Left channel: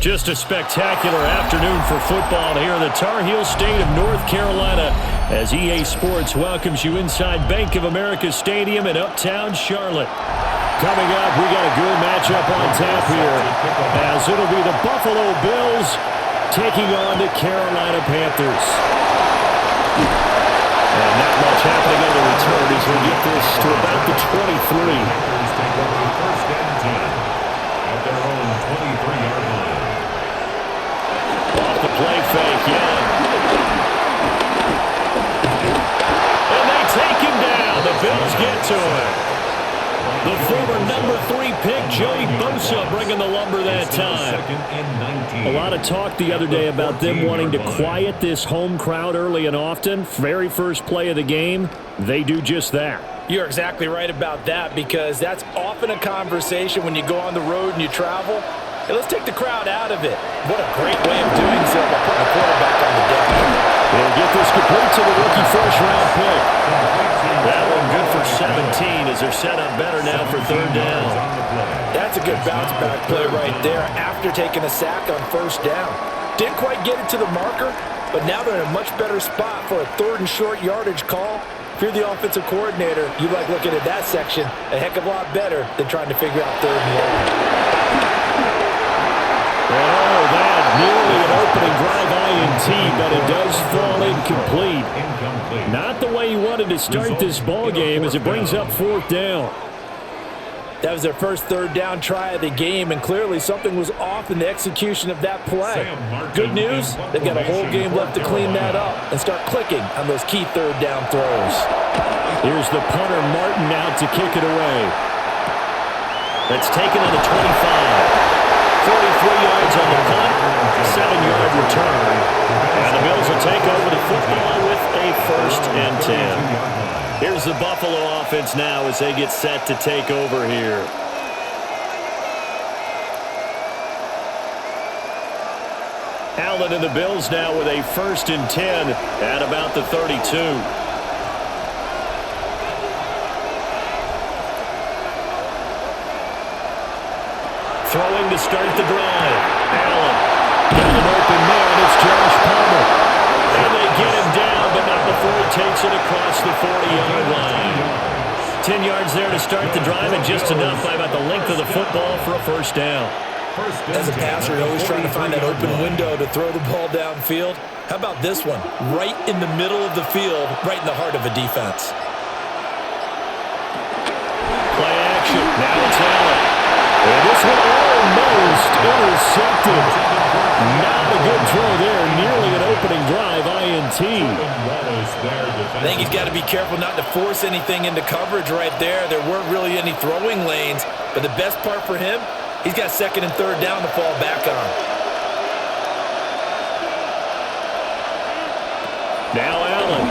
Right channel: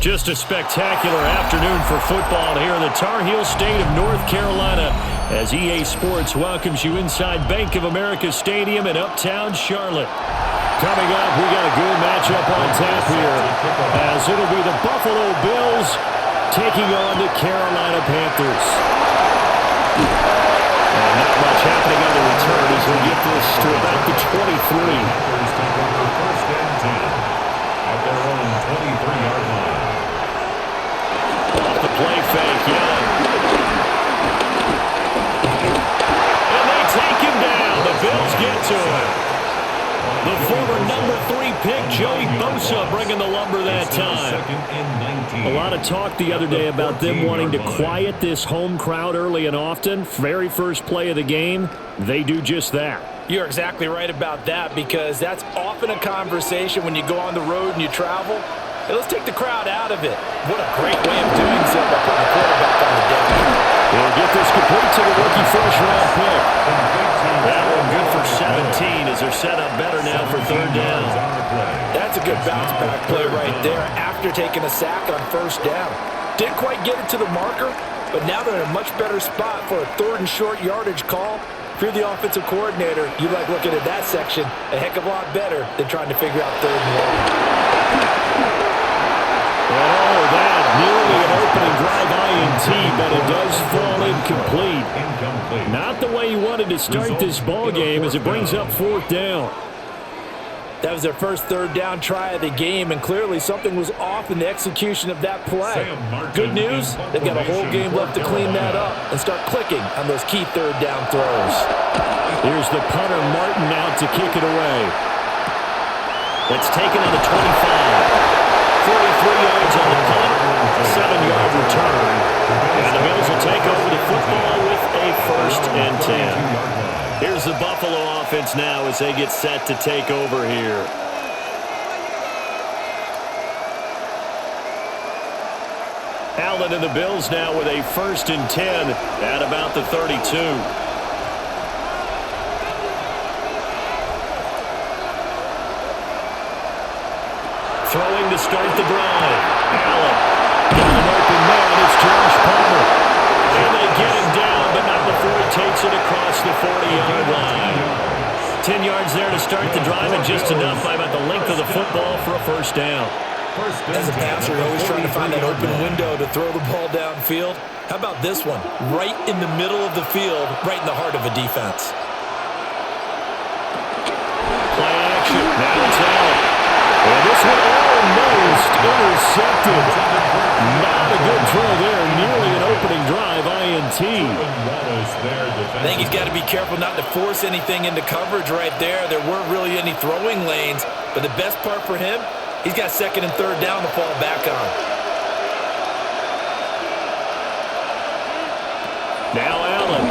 Just a spectacular afternoon for football here in the Tar Heel state of North Carolina as EA Sports welcomes you inside Bank of America Stadium in uptown Charlotte. Coming up, we got a good matchup on tap here as it'll be the Buffalo Bills taking on the Carolina Panthers. And not much happening on the return as he'll get this to about the 23. Panthers take over first and 10 at their own 23-yard line. Off the play fake, Young. And they take him down. The Bills get to him. The former number 3 pick, Joey Bosa, bringing the lumber that time. A lot of talk the other day about them wanting to quiet this home crowd early and often. Very first play of the game, they do just that. You're exactly right about that because that's often a conversation when you go on the road and you travel. Hey, let's take the crowd out of it. What a great way of doing so by putting the quarterback on the deck. He'll get this complete to the rookie first-round pick. That one good for 17 as they're set up better now for third down. That's a good bounce-back play right there after taking a sack on first down. Didn't quite get it to the marker, but now they're in a much better spot for a third and short yardage call. If you're the offensive coordinator, you like looking at that section a heck of a lot better than trying to figure out third and long. And that nearly an opening drive INT, but it does fall incomplete. Not the way you wanted to start this ball game as it brings up fourth down. That was their first third down try of the game, and clearly something was off in the execution of that play. Good news, they've got a whole game left to clean that up and start clicking on those key third down throws. Here's the punter, Martin, out to kick it away. That's taken on the 25. 43 yards on the punt, 7-yard return. And the Bills will take over the football with a first and 10. Here's the Buffalo offense now as they get set to take over here. Allen and the Bills now with a first and 10 at about the 32. Throwing to start the drive. Allen got an open man. It's Josh Palmer. And they get him down, but not before he takes it across the 40-yard line. 10 yards there to start the drive, and just enough by about the length of the football for a first down. As a passer, you're always trying to find that open window to throw the ball downfield. How about this one? Right in the middle of the field, right in the heart of a defense. Play action. Now it's Allen. And this one almost intercepted. Not a good throw there. Nearly an opening drive, INT. I think he's got to be careful not to force anything into coverage right there. There weren't really any throwing lanes. But the best part for him, he's got second and third down to fall back on. Now Allen.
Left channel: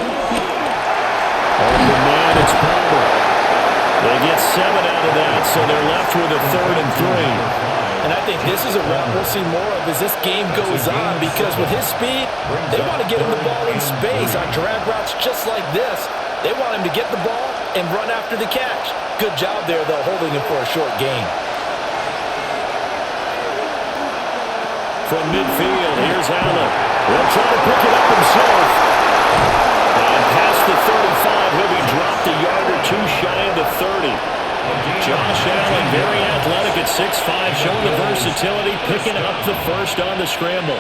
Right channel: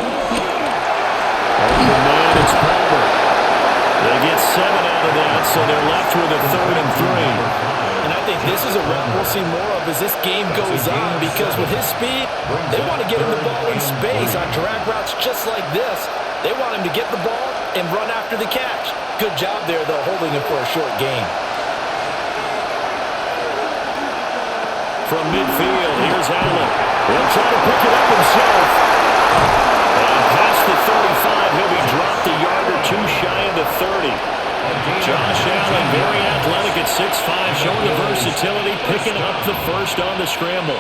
Open man, it's Palmer. They get 7 out of that, so they're left with a third and 3. And I think this is a route we'll see more of as this game goes on because with his speed, they want to get him the ball in space on drag routes just like this. They want him to get the ball and run after the catch. Good job there, though, holding him for a short gain. From midfield, here's Allen. He'll try to pick it up himself. And past the 35, he'll be dropped a yard or two shy of the 30. Josh Allen, very athletic at 6'5", showing the versatility, picking up the first on the scramble.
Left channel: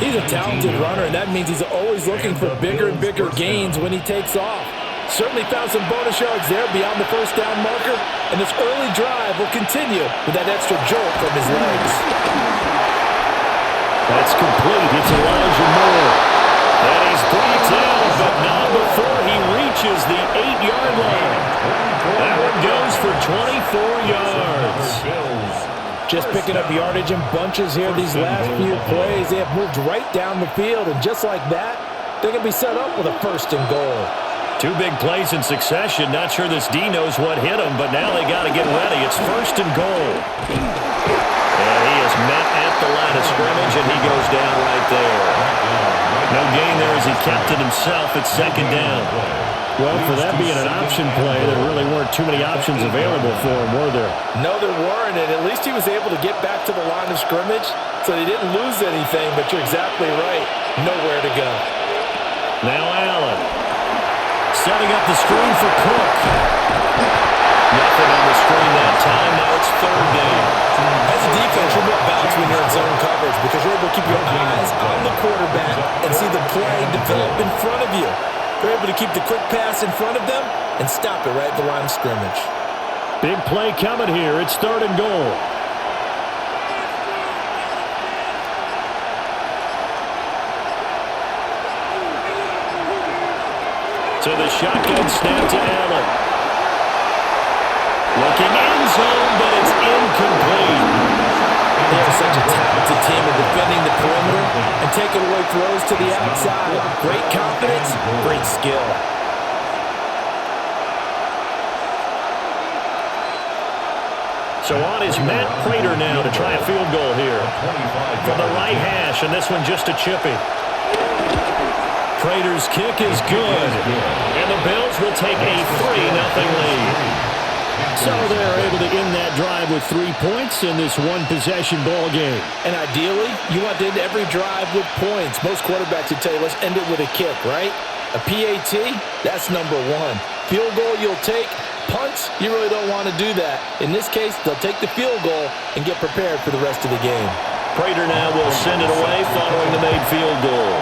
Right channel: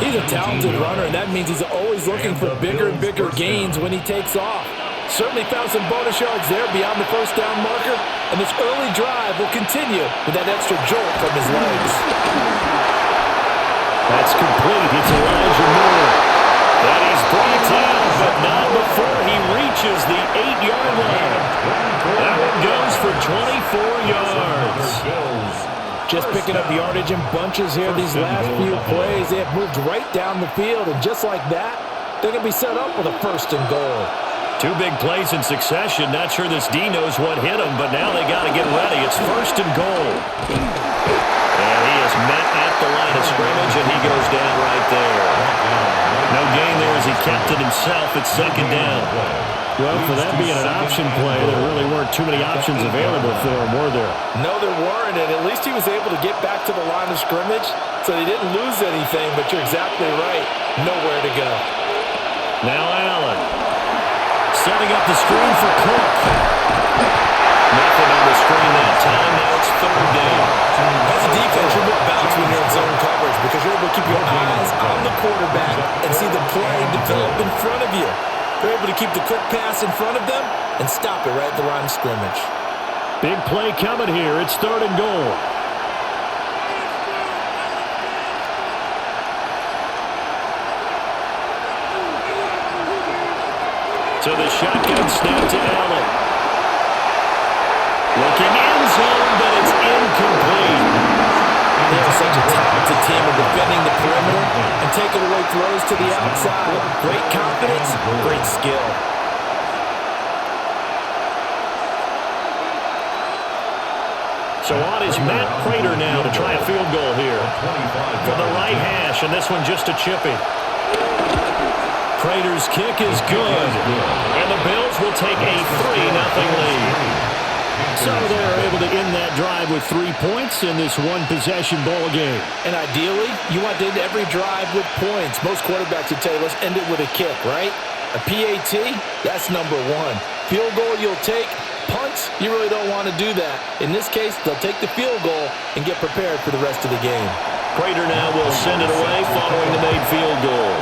He's a talented runner, and that means he's always looking for bigger and bigger gains when he takes off. Certainly found some bonus yards there beyond the first down marker, and this early drive will continue with that extra jolt from his legs. That's complete. It's Elijah Moore. And he's brought down, but not before he reaches the 8-yard line. That one goes for 24 yards. Just picking up yardage in bunches here these last few plays. They have moved right down the field, and just like that, they're going to be set up with a first and goal. 2 big plays in succession. Not sure this D knows what hit him, but now they got to get ready. It's first and goal. And he is met at the line of scrimmage, and he goes down right there. No gain there as he kept it himself at second down. Well, for that being an option play, there really weren't too many options available for him, were there? No, there weren't, and at least he was able to get back to the line of scrimmage, so they didn't lose anything, but you're exactly right. Nowhere to go. Now Allen. Setting up the screen for Cook. Nothing on the screen that time. Now it's third down. As a defense, you're more balanced when you're in zone coverage because you're able to keep your eyes on the quarterback and see the play develop in front of you. They're able to keep the quick pass in front of them and stop it right at the line of scrimmage. Big play coming here. It's third and goal. So the shotgun snap to Allen. Looking end zone, but it's incomplete. They are such a talented team in defending the perimeter and taking away throws to the outside. Great confidence, great skill. So on is Matt Prater now to try a field goal here. From the right hash, and this one just a chippy. Prater's kick is good. And the Bills will take a 3-0 lead. So they're able to end that drive with 3 points in this one-possession ball game. And ideally, you want to end every drive with points. Most quarterbacks would tell you, let's end it with a kick, right? A PAT, that's number one. Field goal you'll take. Punts, you really don't want to do that. In this case, they'll take the field goal and get prepared for the rest of the game. Prater now will send it away following the made field goal.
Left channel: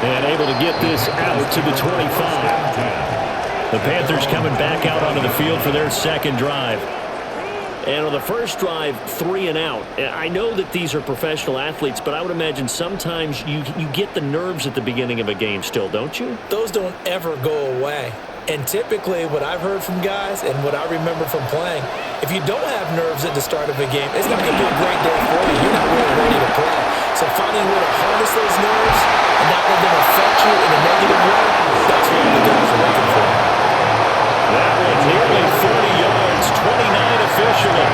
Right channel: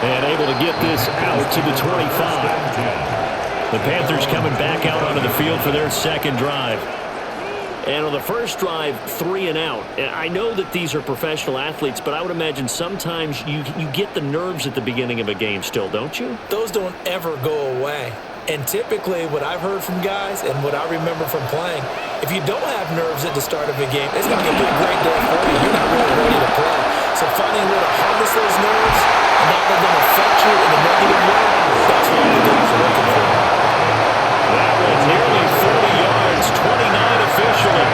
And able to get this out to the 25. The Panthers coming back out onto the field for their second drive. And on the first drive, 3 and out. I know that these are professional athletes, but I would imagine sometimes you get the nerves at the beginning of a game still, don't you? Those don't ever go away. And typically what I've heard from guys and what I remember from playing, if you don't have nerves at the start of a game, it's not going to be a great day for you. You're not really ready to play. So finding a way to harness those nerves and not let them affect you in a negative way, that's what the guys are looking for. That one nearly 30 yards, 29 officially.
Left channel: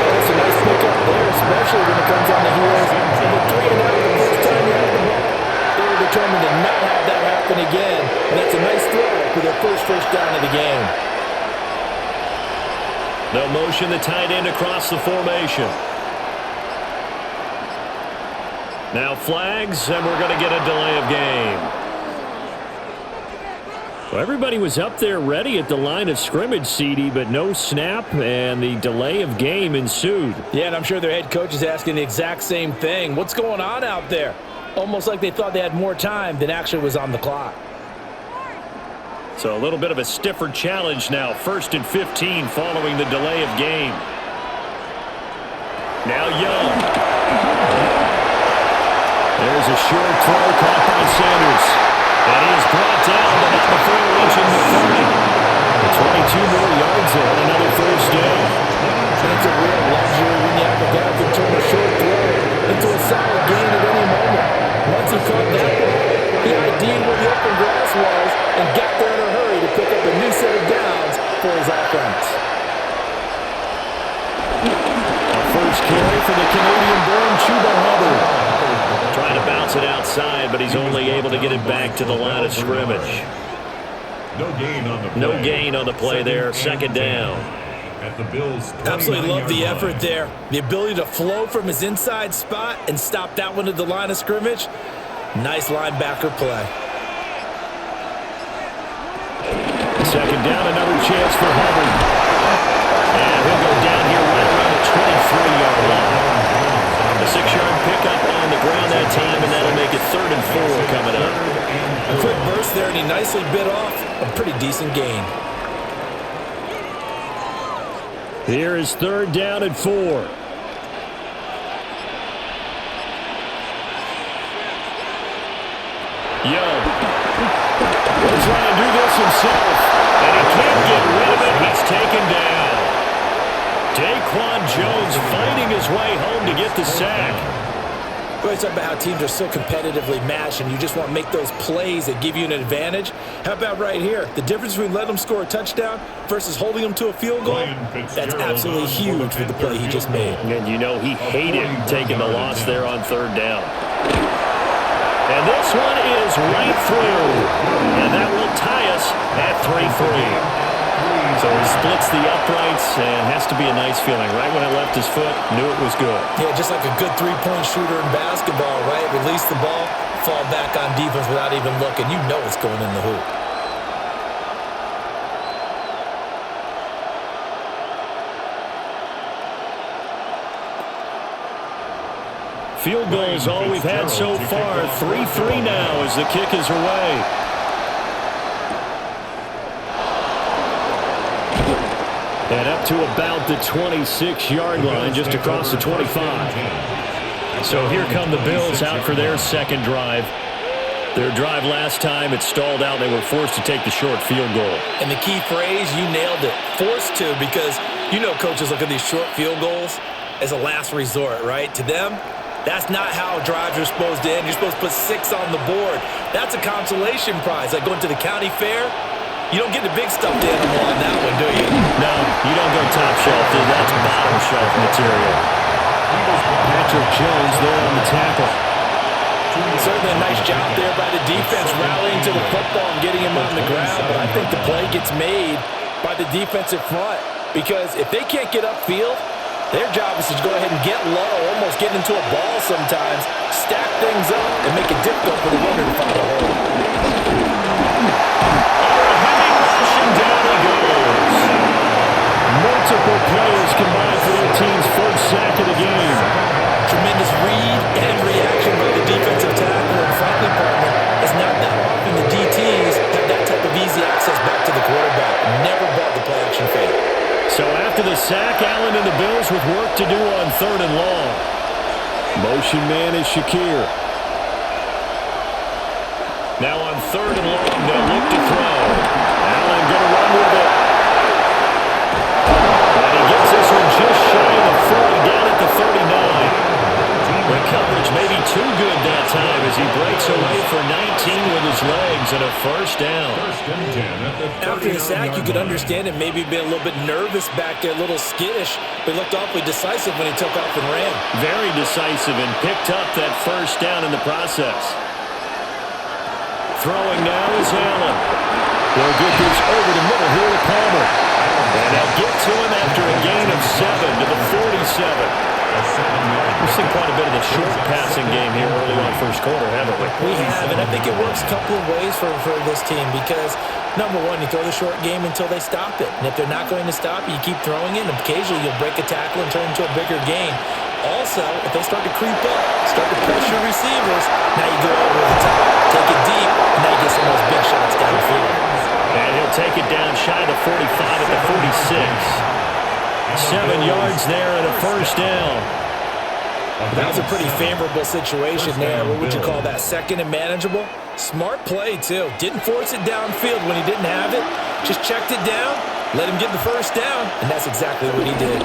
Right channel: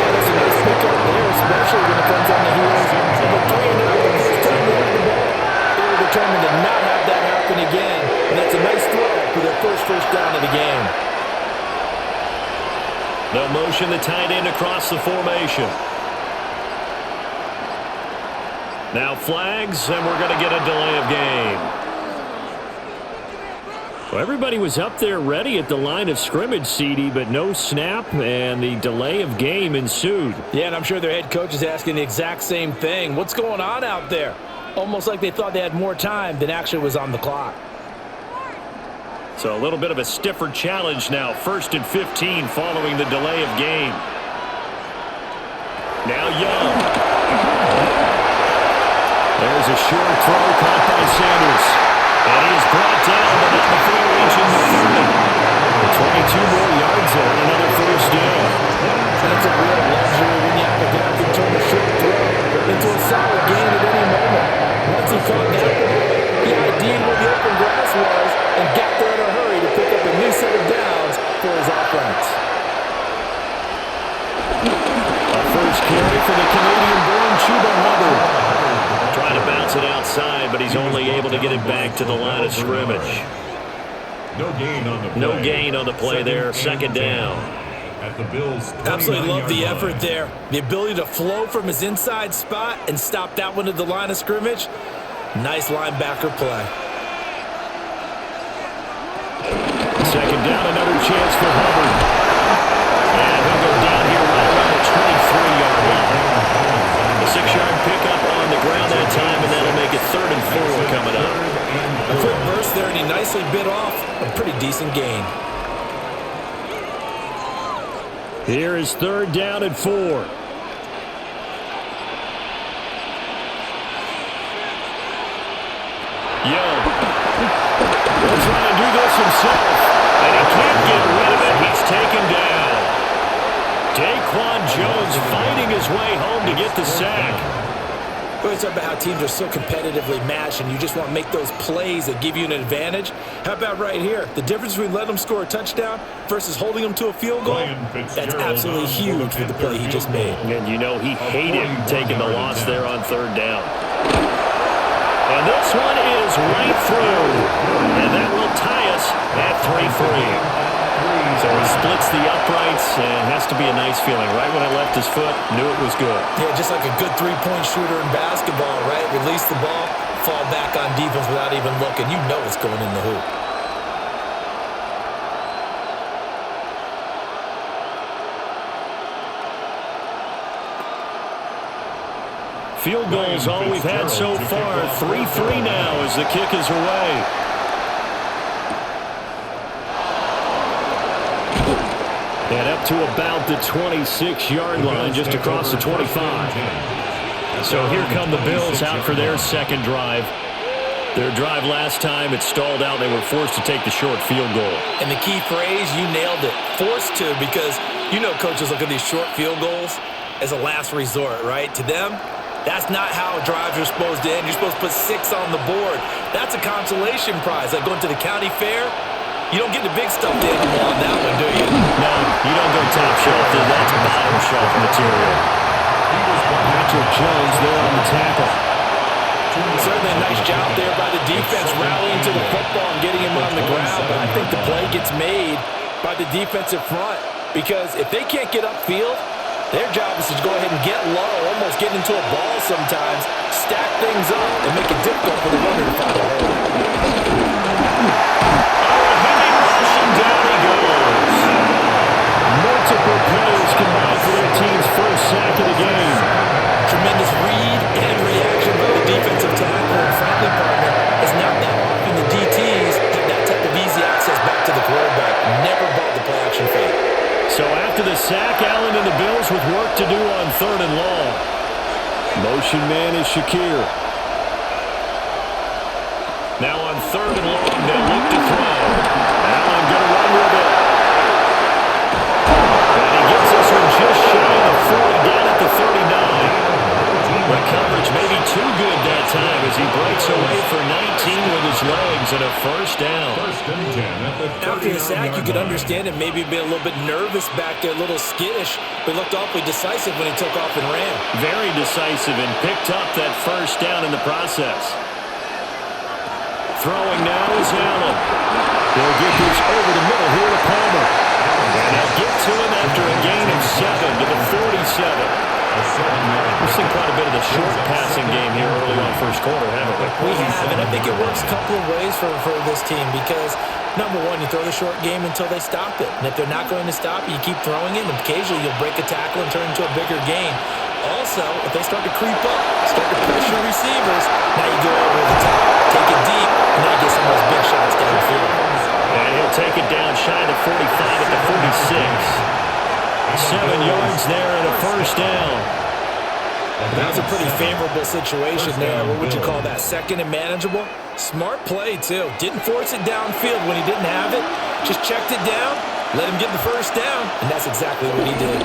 Yeah, that's a nice pickup there, especially when it comes on the heels of a 3 and out the first time you have the ball. They were determined to not have that happen again, and that's a nice throw for their first down of the game. They'll motion the tight end across the formation. Now flags, and we're going to get a delay of game. Well, everybody was up there ready at the line of scrimmage, CD, but no snap, and the delay of game ensued. Yeah, and I'm sure their head coach is asking the exact same thing. What's going on out there? Almost like they thought they had more time than actually was on the clock. So a little bit of a stiffer challenge now. 1st and 15 following the delay of game. Now Young. There's a short throw caught by Sanders. And he is brought down, but not before reaching the 30. 22 more yards there and another first down. And it's a real luxury when you have a guy who can turn a short throw into a solid gain at any moment. Once he caught that ball, he ID'd where the open grass was and got there in a hurry to pick up a new set of downs for his offense. A first carry for the Canadian-born Chuba Hubbard. Trying to bounce it outside, but he's only able to get it back to the line of scrimmage. No gain on the play there. Second down. At the Bills' absolutely love the effort there. The ability to flow from his inside spot and stop that one at the line of scrimmage. Nice linebacker play. Second down, another chance for Hubbard. And he'll go down here right around the 23-yard line. A 6-yard pickup on the ground that time, and that'll make it 3rd and 4 coming up. A quick burst there, and he nicely bit off a pretty decent gain. Here is 3rd down and 4. Young. He'll try and do this himself, and he can't get rid of it. He's taken down. Daquan Jones fighting his way home to get the sack. We always talk about how teams are so competitively matched and you just want to make those plays that give you an advantage. How about right here? The difference between letting them score a touchdown versus holding them to a field goal, that's absolutely huge with the play he just made. And you know he hated taking the loss there on third down. And this one is right through. And that will tie us at 3-3. So he splits the uprights and has to be a nice feeling. Right when it left his foot, knew it was good. Yeah, just like a good three-point shooter in basketball, right? Release the ball, fall back on defense without even looking. You know it's going in the hoop. Field goals all we've had so far. 3-3 now as the kick is away. And up to about the 26-yard line, just across the 25. So here come the Bills out for their second drive. Their drive last time, it stalled out. They were forced to take the short field goal. And the key phrase, you nailed it. Forced to, because you know coaches look at these short field goals as a last resort, right? To them, that's not how drives are supposed to end. You're supposed to put 6 on the board. That's a consolation prize, like going to the county fair. You don't get the big stuffed animal on that one, do you? No, you don't go top shelf. That's bottom shelf material. Patrick Jones there on the tackle. Certainly a nice job there by the defense rallying to the football and getting him on the ground, but I think the play gets made by the defensive front because if they can't get upfield, their job is to go ahead and get low, almost get into a ball sometimes, stack things up, and make it difficult for the runner to find a hole. Down he goes. Multiple players combined for their team's first sack of the game. Tremendous read and reaction by the defensive tackle, and frankly, partner, it's not that often the DTs have that type of easy access back to the quarterback. Never bought the play-action fake. So after the sack, Allen and the Bills with work to do on 3rd and long. Motion man is Shakir. Now on 3rd and long, they'll look to throw. Allen going to run with it. And he gets this one just shy of the 40, down at the 39. The coverage may be too good that time as he breaks away for 19 with his legs and a first down. After the sack, you could understand it maybe be a little bit nervous back there, a little skittish, but looked awfully decisive when he took off and ran. Very decisive and picked up that first down in the process. Throwing now is Allen. They'll get this over the middle here to Palmer. And they'll get to him after a gain of 7 to the 47. We've seen quite a bit of the short passing game here early on first quarter, haven't we? We have, and I think it works a couple of ways for this team because, number one, you throw the short game until they stop it. And if they're not going to stop it, you keep throwing it, and occasionally you'll break a tackle and turn it into a bigger gain. Also, if they start to creep up, start to pressure receivers, now you go over the top, take it deep, and now you get some of those big shots downfield. And he'll take it down shy of the 45 at the 46. 7 yards there and a first down. That was a pretty favorable situation there. What would you call that? Second and manageable? Smart play, too. Didn't force it downfield when he didn't have it. Just checked it down, let him get the first down, and that's exactly what he did.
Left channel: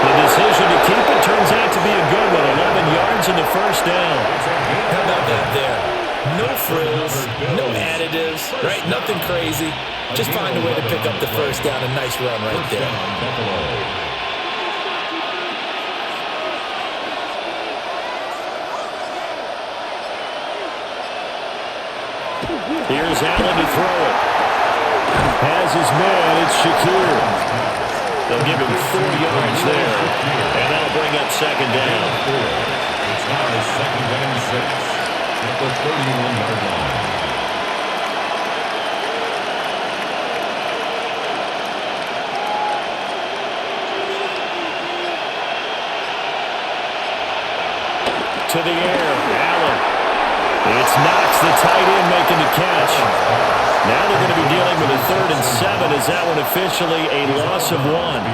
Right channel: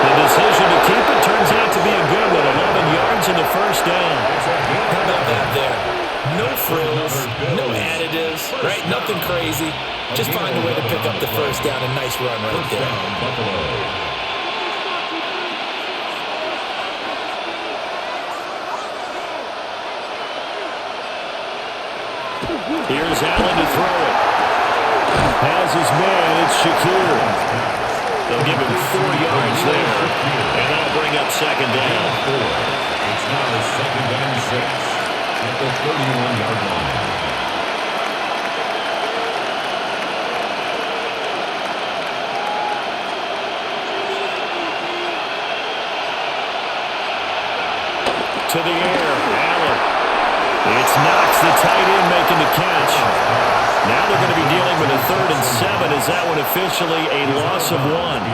The decision to keep it turns out to be a good one. 11 yards and the first down. How about that there? No frills, no additives, right? Nothing crazy. Just find a way to pick up the first down. A nice run right there. Here's Allen to throw it. Has his man, it's Shakir. They'll give him 4 yards there, and that'll bring up second down. It's now 2nd and 6 at the 31-yard line. To the air, Allen. It's Knox, the tight end, making the catch. Now they're going to be dealing with a 3rd and 7. Is that one officially a loss of 1?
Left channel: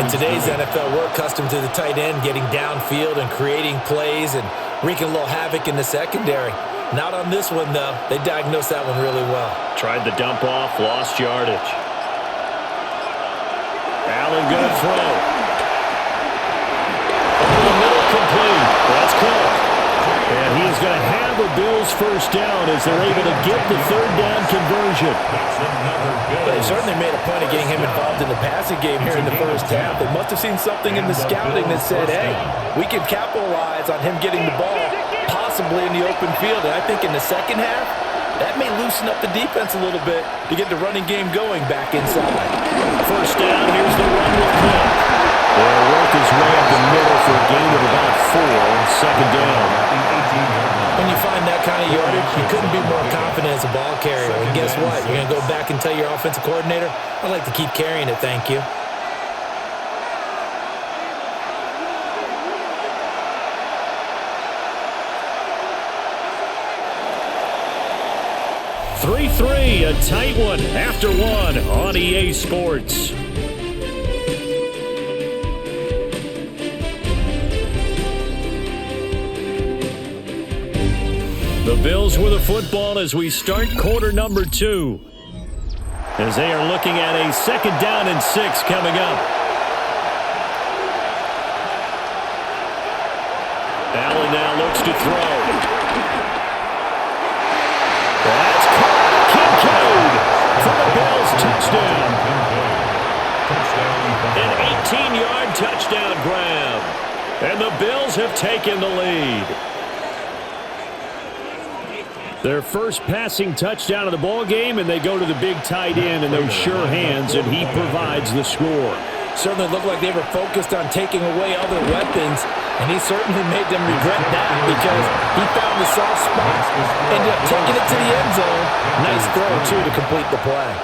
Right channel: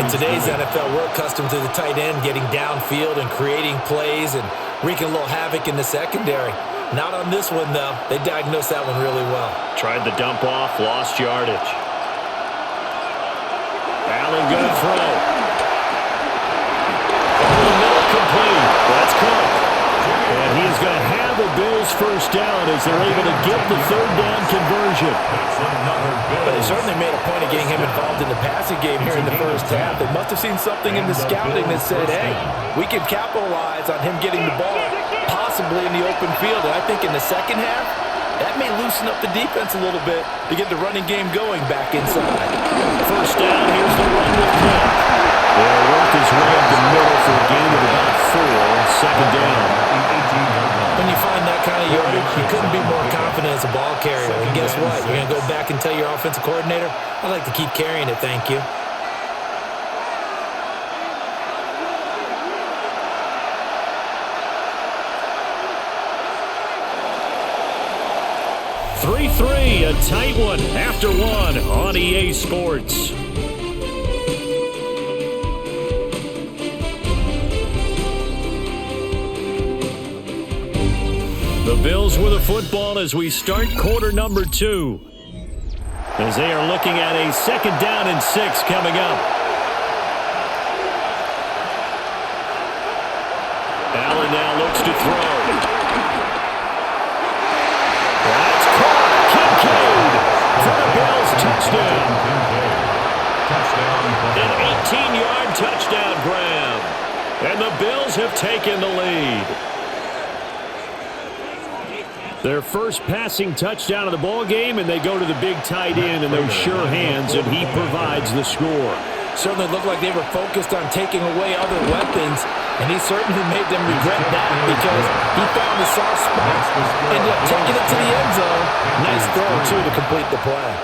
In today's NFL, we're accustomed to the tight end getting downfield and creating plays and wreaking a little havoc in the secondary. Not on this one, though. They diagnosed that one really well. Tried the dump off, lost yardage. Allen going to throw. Over the middle. That's Cook. And he is going to have a Bills first down as they're able to get the third down conversion. But they certainly made a point of getting him involved in the passing game here in the first half. They must have seen something in the scouting that said, hey, we can capitalize on him getting the ball possibly in the open field. And I think in the second half, that may loosen up the defense a little bit to get the running game going back inside. First down, here's the run with Cook. They'll work his way up the middle for a gain of about 4. Second down. When you find that kind of yardage, you couldn't be more confident as a ball carrier. And guess what? You're going to go back and tell your offensive coordinator, I'd like to keep carrying it, thank you. A tight one after one on EA Sports. The Bills with the football as we start quarter number 2. As they are looking at a second down and 6 coming up. Allen now looks to throw. That's caught. Kincaid for the Bills touchdown. An 18-yard touchdown grab. And the Bills have taken the lead. Their first passing touchdown of the ball game, and they go to the big tight end in those sure hands, and he provides the score. Certainly looked like they were focused on taking away other weapons, and he certainly made them regret that because he found the soft spot, ended up taking it to the end zone. Nice throw, too, to complete the play.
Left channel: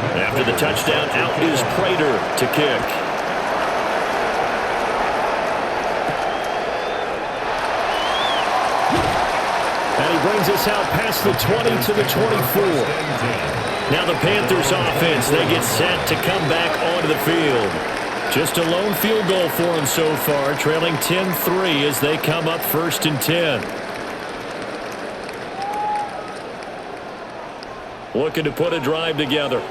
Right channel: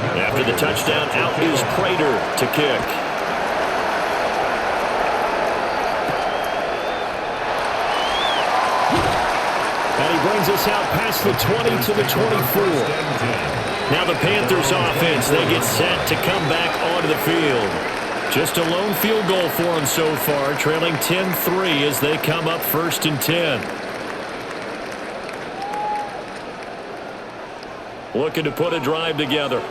After the touchdown, out is Prater to kick. And he brings us out past the 20 to the 24. Now the Panthers offense, they get set to come back onto the field. Just a lone field goal for them so far, trailing 10-3 as they come up 1st and 10. Looking to put a drive together.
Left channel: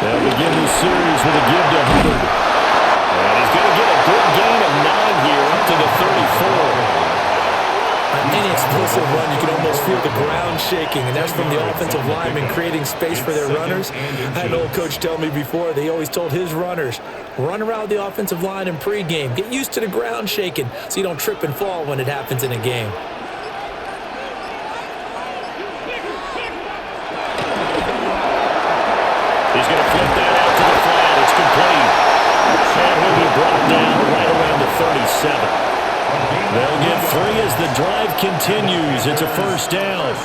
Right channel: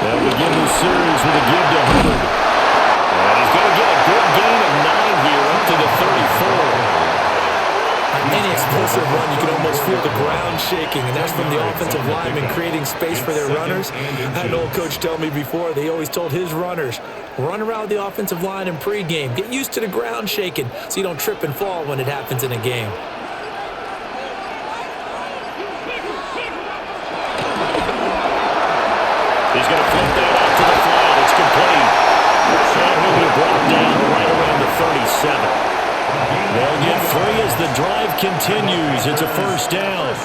They'll begin this series with a give to Hubbard. And he's going to get a good gain of 9 here up to the 34. On any explosive run, you can almost feel the ground shaking, and that's from the offensive linemen creating space for their runners. I had an old coach tell me before, they always told his runners, run around the offensive line in pregame. Get used to the ground shaking so you don't trip and fall when it happens in a game. He's going to flip that out to the flat. It's complete. And he'll be brought down right around the 37. They'll get 3 as the drive continues. It's a first down.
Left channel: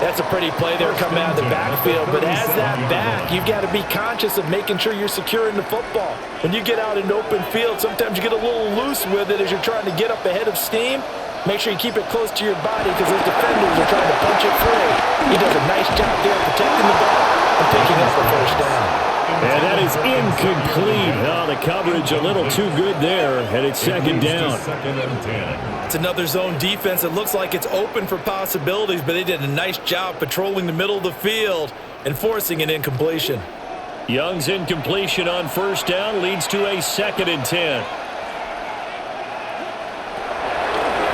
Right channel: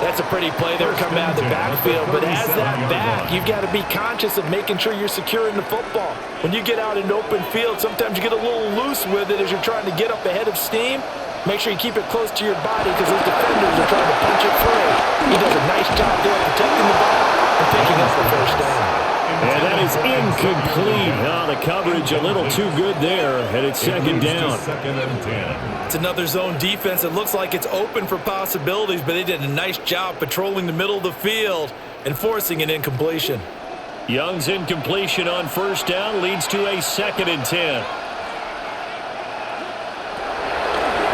That's a pretty play there coming out of the backfield. But as that back, you've got to be conscious of making sure you're securing the football. When you get out in open field, sometimes you get a little loose with it as you're trying to get up ahead of steam. Make sure you keep it close to your body because those defenders are trying to punch it free. He does a nice job there protecting the ball and picking up a first down. And that is incomplete. Oh, the coverage a little too good there, and it's second down. It's another zone defense. It looks like it's open for possibilities, but they did a nice job patrolling the middle of the field and forcing an incompletion. Young's incompletion on first down leads to a 2nd and 10.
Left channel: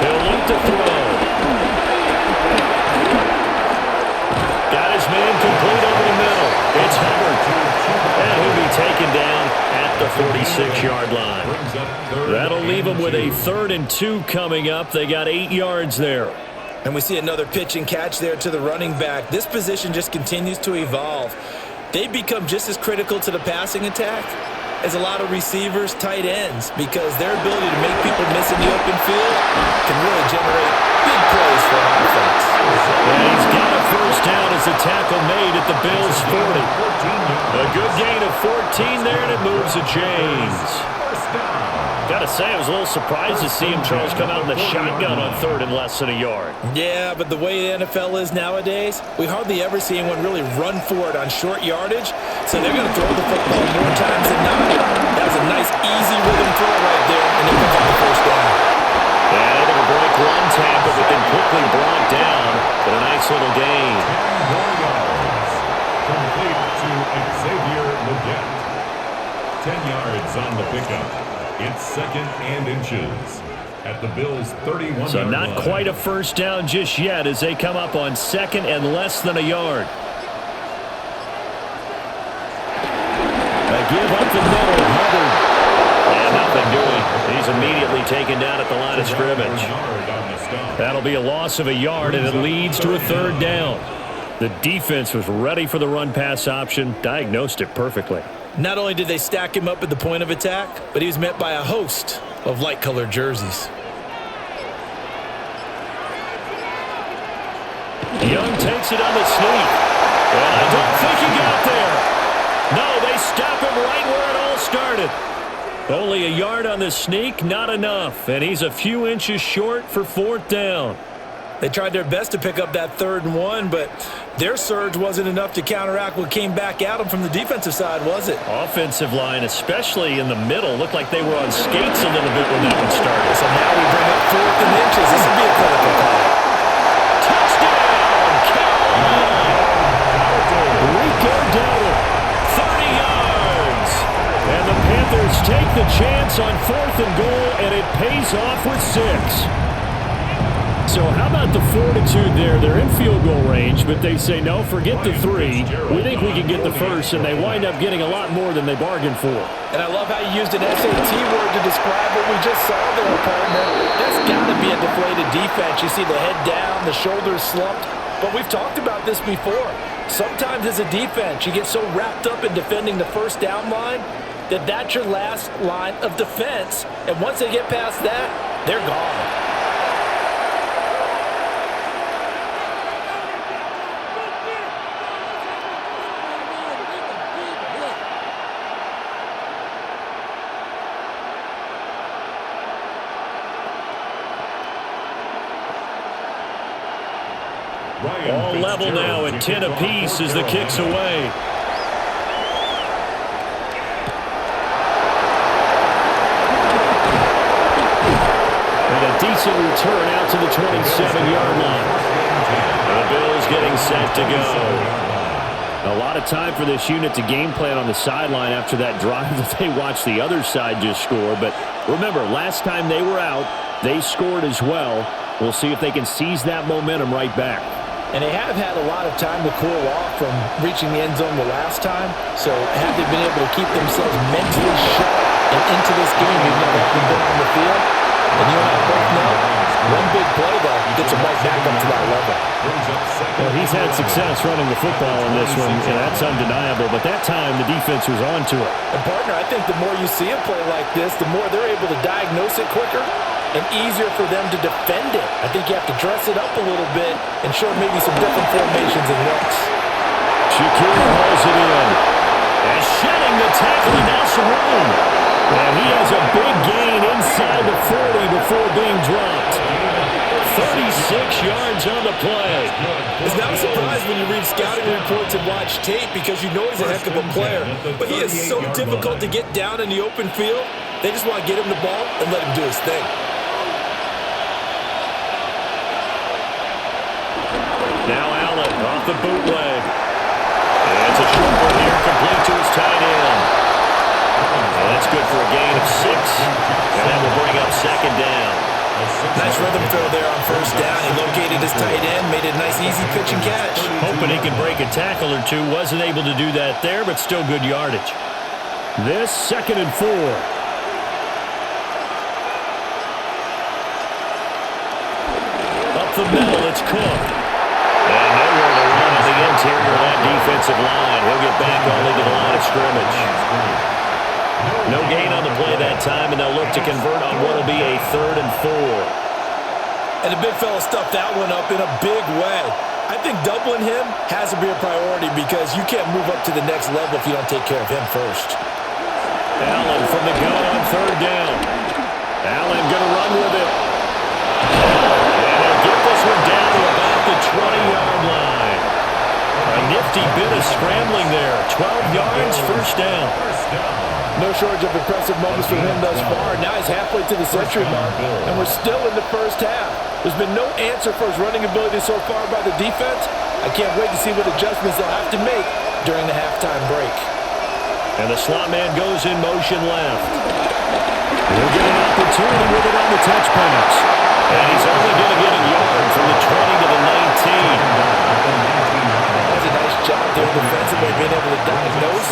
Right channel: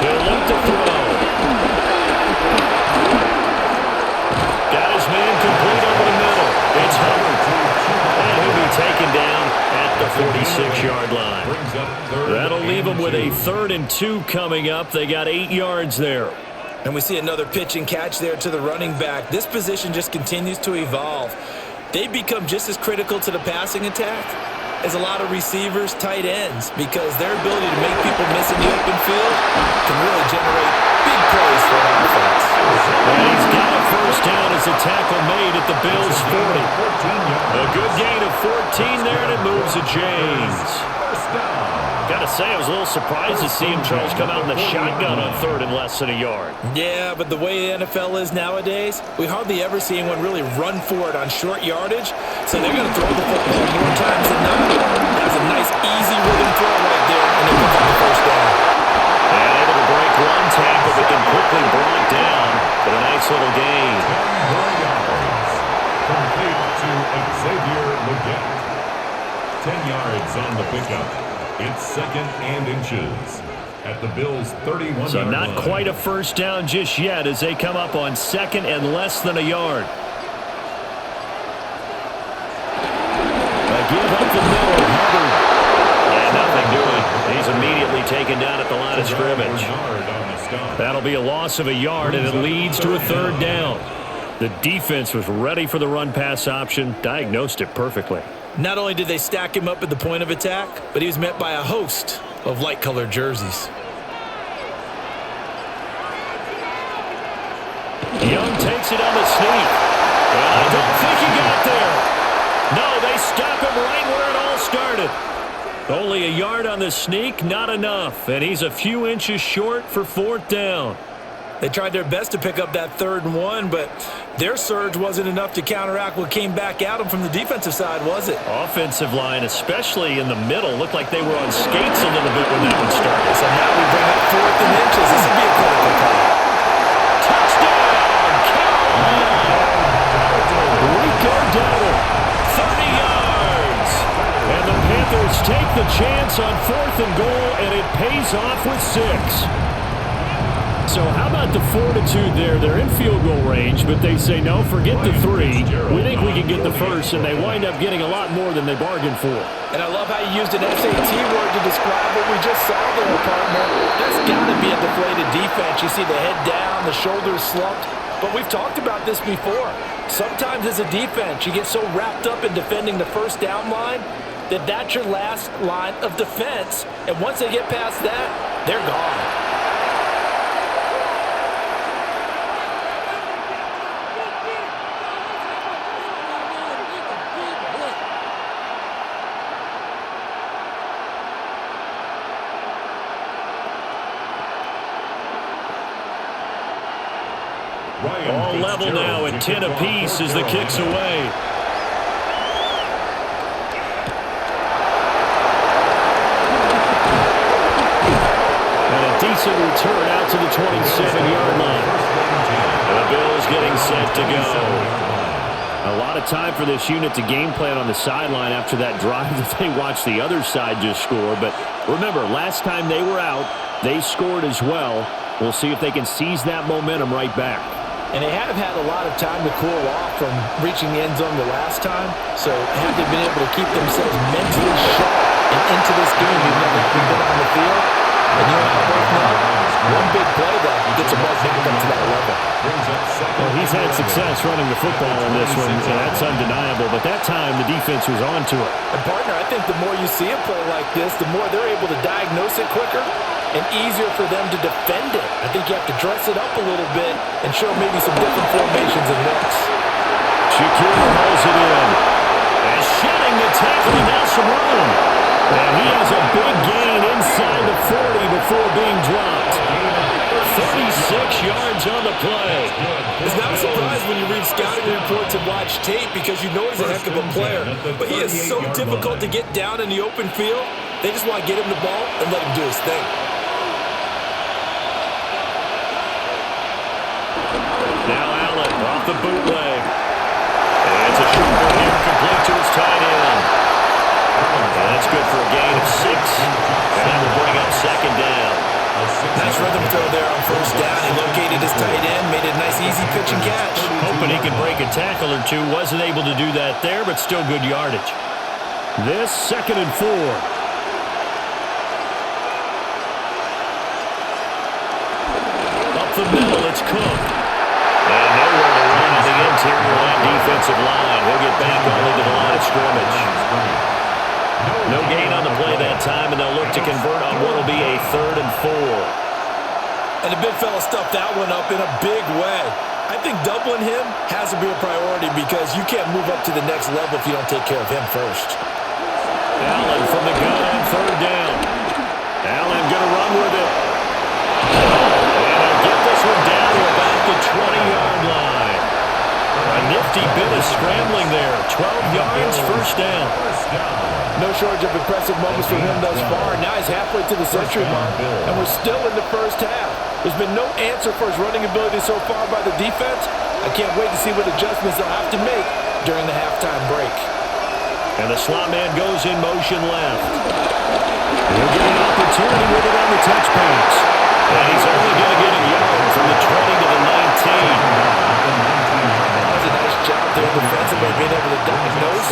He'll look to throw. Got his man complete over the middle. It's Hubbard. And he'll be taken down at the 46-yard line. That'll leave him with a 3rd and 2 coming up. They got 8 yards there. And we see another pitch and catch there to the running back. This position just continues to evolve. They become just as critical to the passing attack as a lot of receivers, tight ends, because their ability to make people miss in the open field can really generate big plays for an offense. And he's got a first down as a tackle made at the Bills' 40. A good gain of 14 there, and it moves the chains. First down. Gotta say, I was a little surprised to see him, Charles, come out in the shotgun on third and less than a yard. Yeah, but the way the NFL is nowadays, we hardly ever see anyone really run for it on short yardage. So they're going to throw the football more times than not. That was a nice, easy rhythm throw right there, and they pick up the first down. And able to break one tackle, but then quickly brought down. But a nice little gain. 10 more yards. Complete to Xavier Legette. 10 yards on the pickup. It's second and inches at the Bills' 31-yard line. So not quite a first down just yet as they come up on second and less than a yard. A give up the middle, Hubbard. And nothing doing. He's immediately taken down at the line of scrimmage. That'll be a loss of a yard, and it leads to a third down. The defense was ready for the run-pass option, diagnosed it perfectly. Not only did they stack him up at the point of attack, but he was met by a host of light-colored jerseys. Young takes it on the sneak. And I don't think he got there. No, they stop him right where it all started. Only a yard on the sneak, not enough. And he's a few inches short for fourth down. They tried their best to pick up that 3rd and 1, but their surge wasn't enough to counteract what came back at them from the defensive side, was it? Offensive line, especially in the middle, looked like they were on skates a little bit when that one started. So now we bring up 4th and inches. This would be a critical call. Touchdown, Carolina! Rico Dowdle, 30 yards. And the Panthers take the chance on 4th and goal, and it pays off with 6. So how about the fortitude there? They're in field goal range, but they say, no, forget the 3. We think we can get the first, and they wind up getting a lot more than they bargained for. And I love how you used an SAT word to describe what we just saw there, partner. That's got to be a deflated defense. You see the head down, the shoulders slumped. But we've talked about this before. Sometimes as a defense, you get so wrapped up in defending the first down line that that's your last line of defense. And once they get past that, they're gone. All level now at 10 apiece as the kick's away. And a decent return out to the 27-yard line. And the Bills getting set to go. A lot of time for this unit to game plan on the sideline after that drive that they watched the other side just score. But remember, last time they were out, they scored as well. We'll see if they can seize that momentum right back. And they have had a lot of time to cool off from reaching the end zone the last time. So have they been able to keep themselves mentally sharp and into this game even though they haven't been on the field? And you and I both know, one big play, though, gets them right back up to that level. Well, he's had success running the football in this one, and that's undeniable. But that time, the defense was on to it. And, partner, I think the more you see a play like this, the more they're able to diagnose it quicker and easier for them to defend it. I think you have to dress it up a little bit and show maybe some different formations and looks. Shakir hauls it in. And shedding the tackle, and now some room. And he has a big gain inside the 40 before being dropped. 36 yards on the play. It's not a surprise when you read scouting reports and watch tape because you know he's a heck of a player. But he is so difficult to get down in the open field. They just want to get him the ball and let him do his thing. Now Allen off the bootleg. It's a short one here, complete to his tight end. And that's good for a gain of 6. And that will bring up second down. Nice rhythm throw there on first down. He located his tight end, made it a nice easy pitch and catch. Hoping he could break a tackle or two. Wasn't able to do that there, but still good yardage. This 2nd and 4. Up the middle, it's Cook. And nowhere to run on the interior of that defensive line. He'll get back only to the line of scrimmage. No gain on the play that time, and they'll look to convert on what will be a 3rd and 4. And the big fella stuffed that one up in a big way. I think doubling him has to be a priority because you can't move up to the next level if you don't take care of him first. Allen from the gun on 3rd down. Allen going to run with it. And he'll get this one down to about the 20-yard line. A nifty bit of scrambling there. 12 yards, first down. No shortage of impressive moments from him thus far. Now he's halfway to the century mark, and we're still in the first half. There's been no answer for his running ability so far by the defense. I can't wait to see what adjustments they'll have to make during the halftime break. And the slot man goes in motion left. He'll get an opportunity with it on the touch pass. And he's only going to get a yard from the 20 to the 19. That was a nice job there defensively, being able to diagnose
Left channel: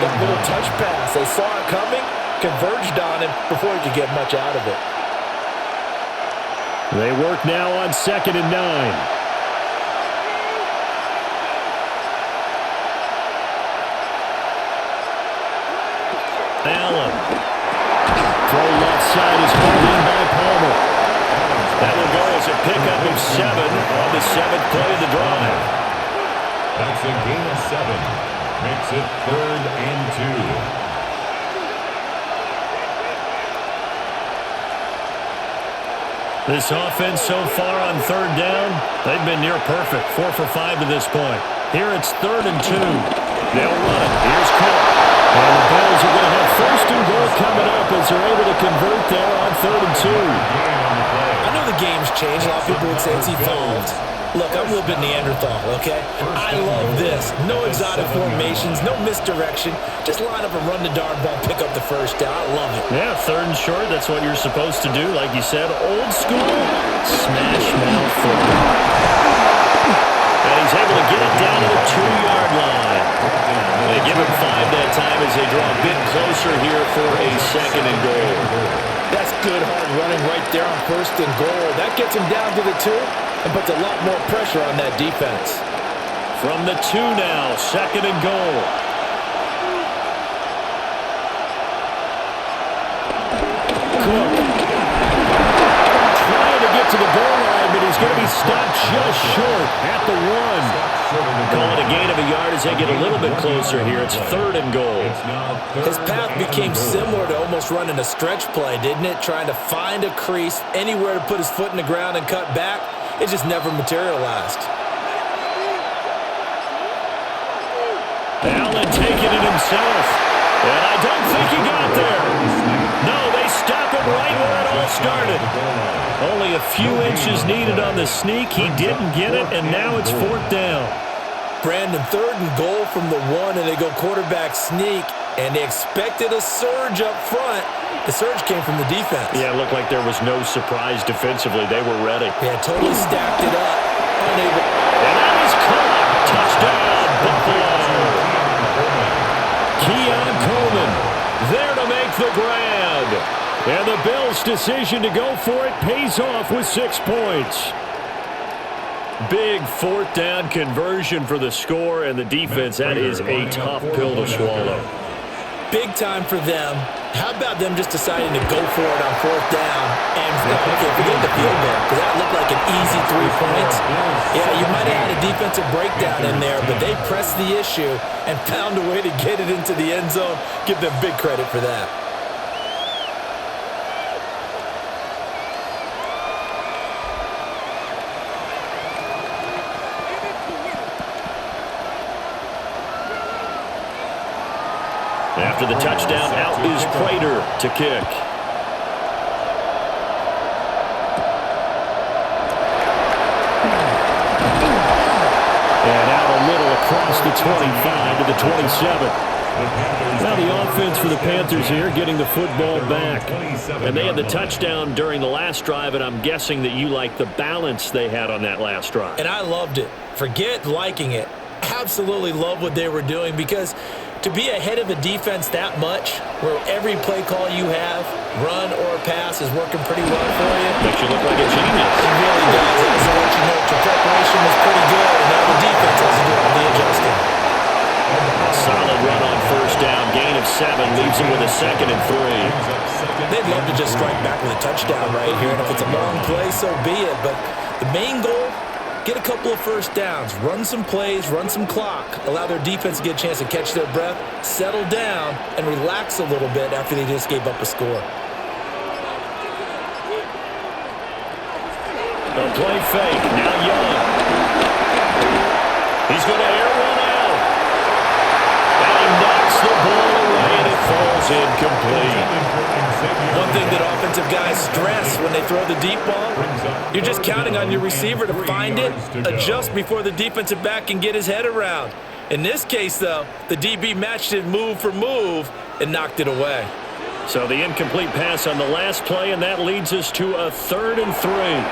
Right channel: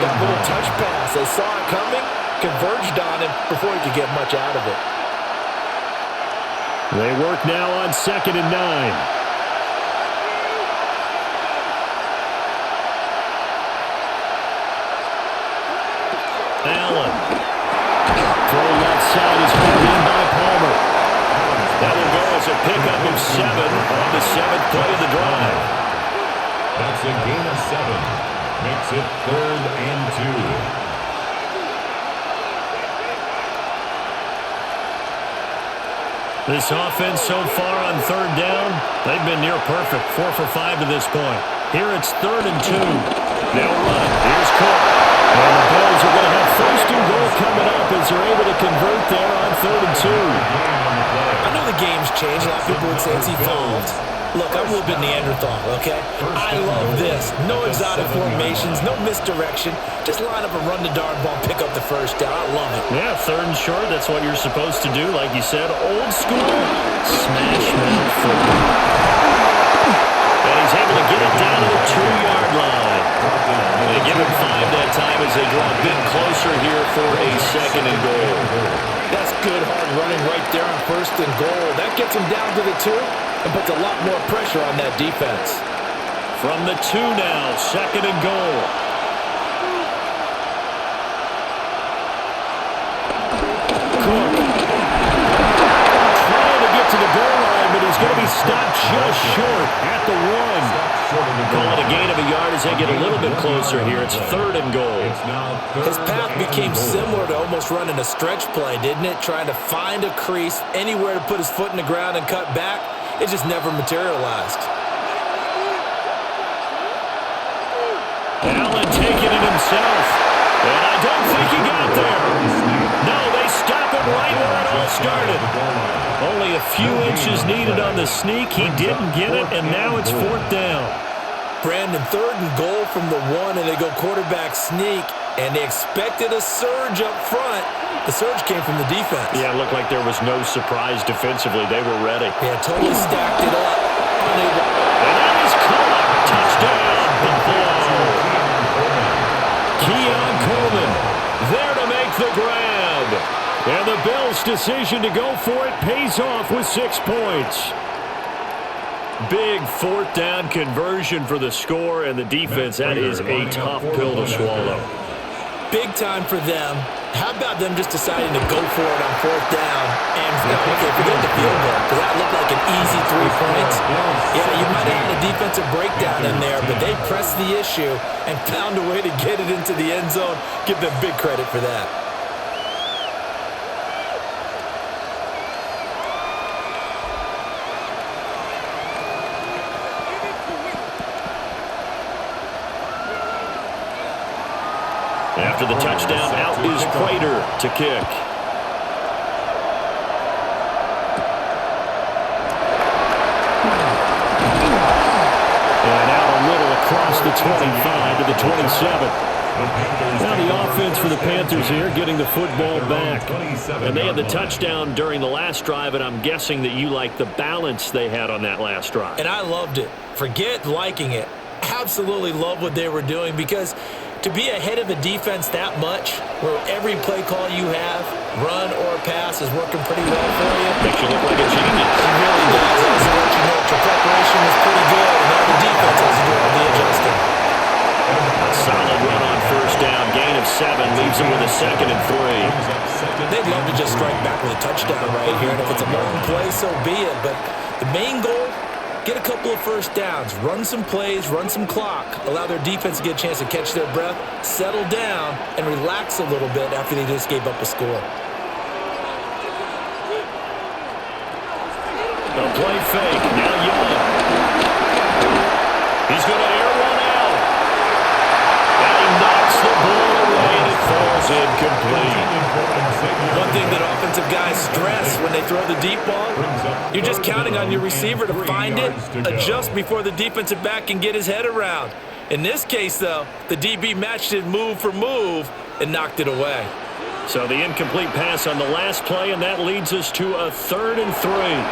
that little touch pass. They saw it coming, converged on him before he could get much out of it. They work now on 2nd and 9. Allen. Throw left side is hauled in by Palmer. That will go as a pickup of 7 on the 7th play of the drive. That's a gain of 7. Makes it 3rd and 2. This offense so far on 3rd down, they've been near perfect. 4 for 5 to this point. Here it's 3rd and 2. They'll run it. Here's Cook. And the Bills are going to have 1st and goal coming up as they're able to convert there on 3rd and 2. I know the game's changed. A lot of people would say it's evolved. Look, I'm a little bit Neanderthal, okay? I love this. No exotic formations, no misdirection. Just line up and run the darn ball, pick up the first down. I love it. Yeah, 3rd and short, that's what you're supposed to do. Like you said, old school, smash mouth football. And he's able to get it down to the 2-yard line. They give him 5 that time as they draw a bit closer here for a 2nd and goal. That's good hard running right there on 1st and goal. That gets him down to the 2 and puts a lot more pressure on that defense. From the 2 now, 2nd and goal. Cook. Trying to get to the goal line, but he's going to be stopped just short at the 1. Call it a gain of a yard as they get a little bit closer here. It's 3rd and goal. His path became similar to almost running a stretch play, didn't it? Trying to find a crease, anywhere to put his foot in the ground and cut back. It just never materialized. Allen taking it himself. And I don't think he got there. No, they stop him right where it all started. Only a few inches needed on the sneak. He didn't get it, and now it's 4th down. Brandon, 3rd and goal from the 1, and they go quarterback sneak, and they expected a surge up front. The surge came from the defense. Yeah, it looked like there was no surprise defensively. They were ready. Yeah, totally stacked it up. Unable. And that is caught. Touchdown, Buffalo. Keon Coleman there to make the grab. And the Bills' decision to go for it pays off with 6 points. Big 4th down conversion for the score, and the defense, that is a tough pill to swallow. Big time for them. How about them just deciding to go for it on 4th down? And, forget the field goal, because that looked like an easy 3 points. Yeah, you might have had a defensive breakdown in there, but they pressed the issue and found a way to get it into the end zone. Give them big credit for that. After the touchdown, out is Prater to kick. And out a little across the 25 to the 27. Now the offense for the Panthers here getting the football back. And they had the touchdown during the last drive, and I'm guessing that you like the balance they had on that last drive. And I loved it. Forget liking it. Absolutely love what they were doing, because to be ahead of a defense that much, where every play call you have, run or pass, is working pretty well for you. Makes you look like a genius. It really does. It also lets you know that your preparation was pretty good, and now the defense has to do all the adjusting. A solid run on 1st down. Gain of 7 leaves them with a 2nd and 3. They'd love to just strike back with a touchdown right here, and if it's a long play, so be it. But the main goal, get a couple of 1st downs, run some plays, run some clock, allow their defense to get a chance to catch their breath, settle down, and relax a little bit after they just gave up a score. They'll play fake. Now Young. He's going to air one out. And he knocks the ball away, and it falls incomplete. One thing that offensive guys stress when they throw the deep ball, you're just counting on your receiver to find it, adjust before the defensive back can get his head around. In this case, though, the DB matched it move for move and knocked it away. So the incomplete pass on the last play, and that leads us to a 3rd and 3.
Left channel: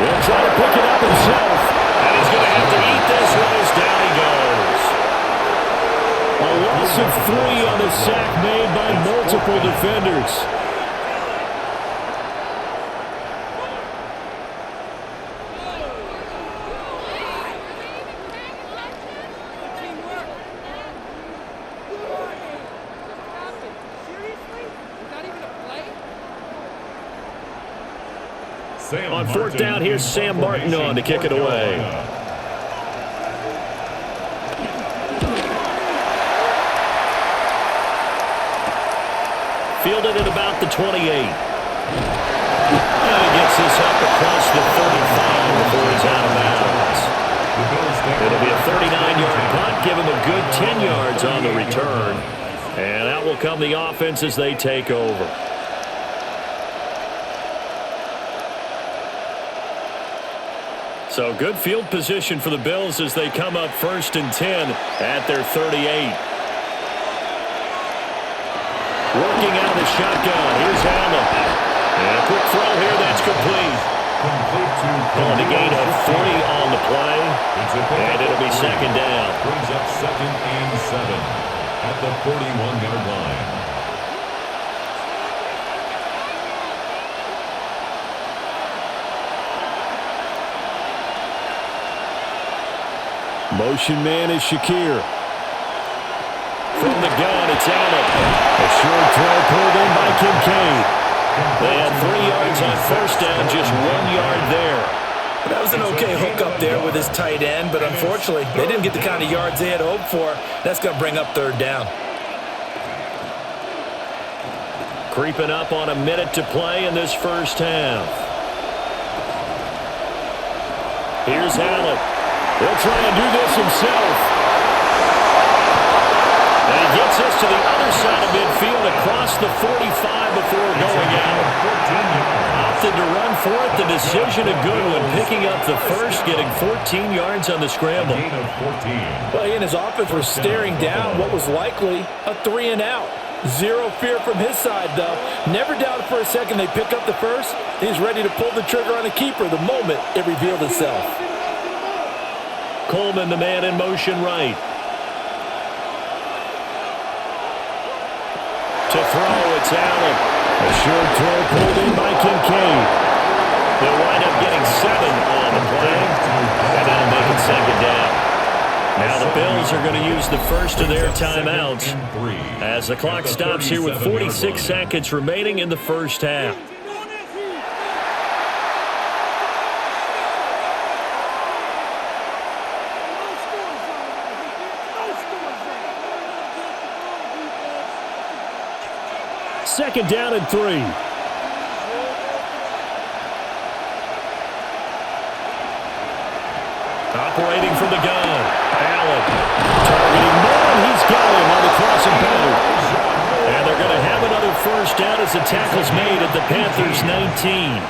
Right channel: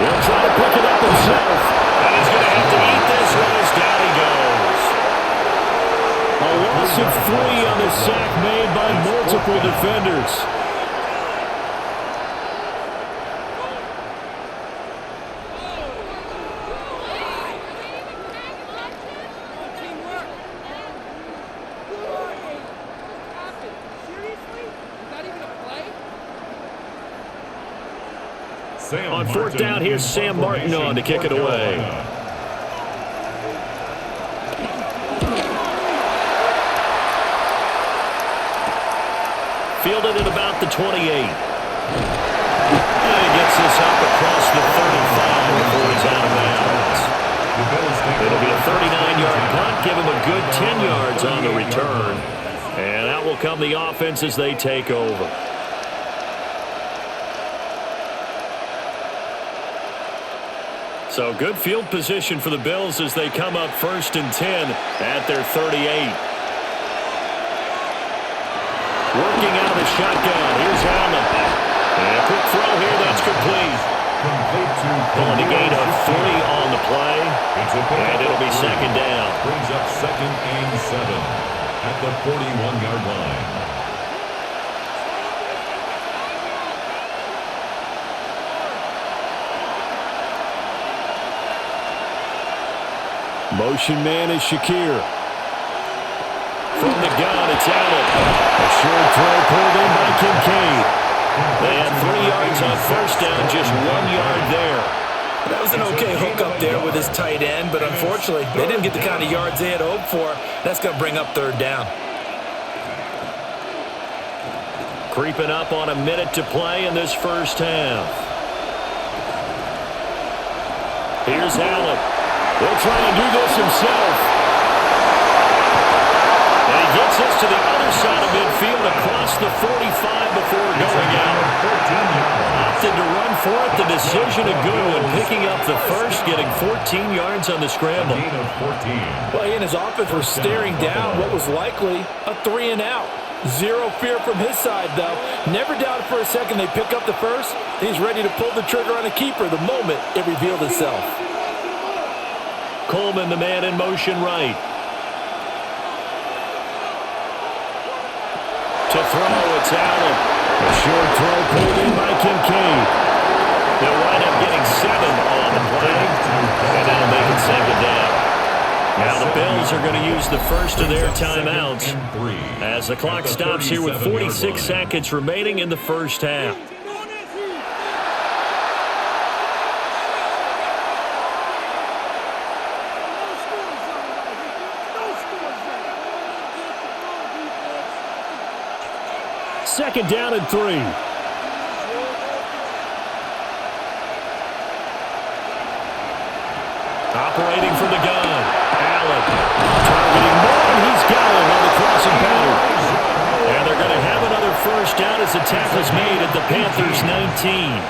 He'll try to pick it up himself, and he's going to have to eat this one as down he goes. A loss of 3 on the sack made by multiple defenders. On 4th down, here's Sam Martin on to kick it away. Fielded at about the 28. And he gets this up across the 35 before he's out of bounds. It'll be a 39-yard punt, give him a good 10 yards on the return. And out will come the offense as they take over. So good field position for the Bills as they come up 1st and 10 at their 38. Working out of the shotgun. Here's Allen. And a quick throw here. That's complete. Pulling a gain of 3 on the play. And it'll be 2nd down. Brings up 2nd and 7 at the 41-yard line. Motion man is Shakir. From the gun, it's Allen. A short throw pulled in by Kincaid. They had 3 yards on 1st down, just 1 yard there. That was an okay hook up there with his tight end, but unfortunately, they didn't get the kind of yards they had hoped for. That's going to bring up 3rd down. Creeping up on a minute to play in this first half. Here's Allen. He'll try and do this himself. And he gets this to the other side of midfield across the 45 before going out. Opted to run for it. The decision a good one. Picking up the first, getting 14 yards on the scramble. Well, he and his offense were staring down what was likely a 3 and out. Zero fear from his side, though. Never doubted for a second they pick up the first. He's ready to pull the trigger on a keeper the moment it revealed itself. Coleman, the man in motion right. To throw, it's Allen. A short throw pulled in by Kincaid. They'll wind up getting 7 on the play, and that'll make it 2nd down. Now the Bills are going to use the first of their timeouts as the clock stops here with 46 seconds remaining in the first half. Second down and 3. Operating from the gun. Allen targeting Moore, and he's got him on the crossing pattern. And they're going to have another first down as the tackle's made at the Panthers' 19.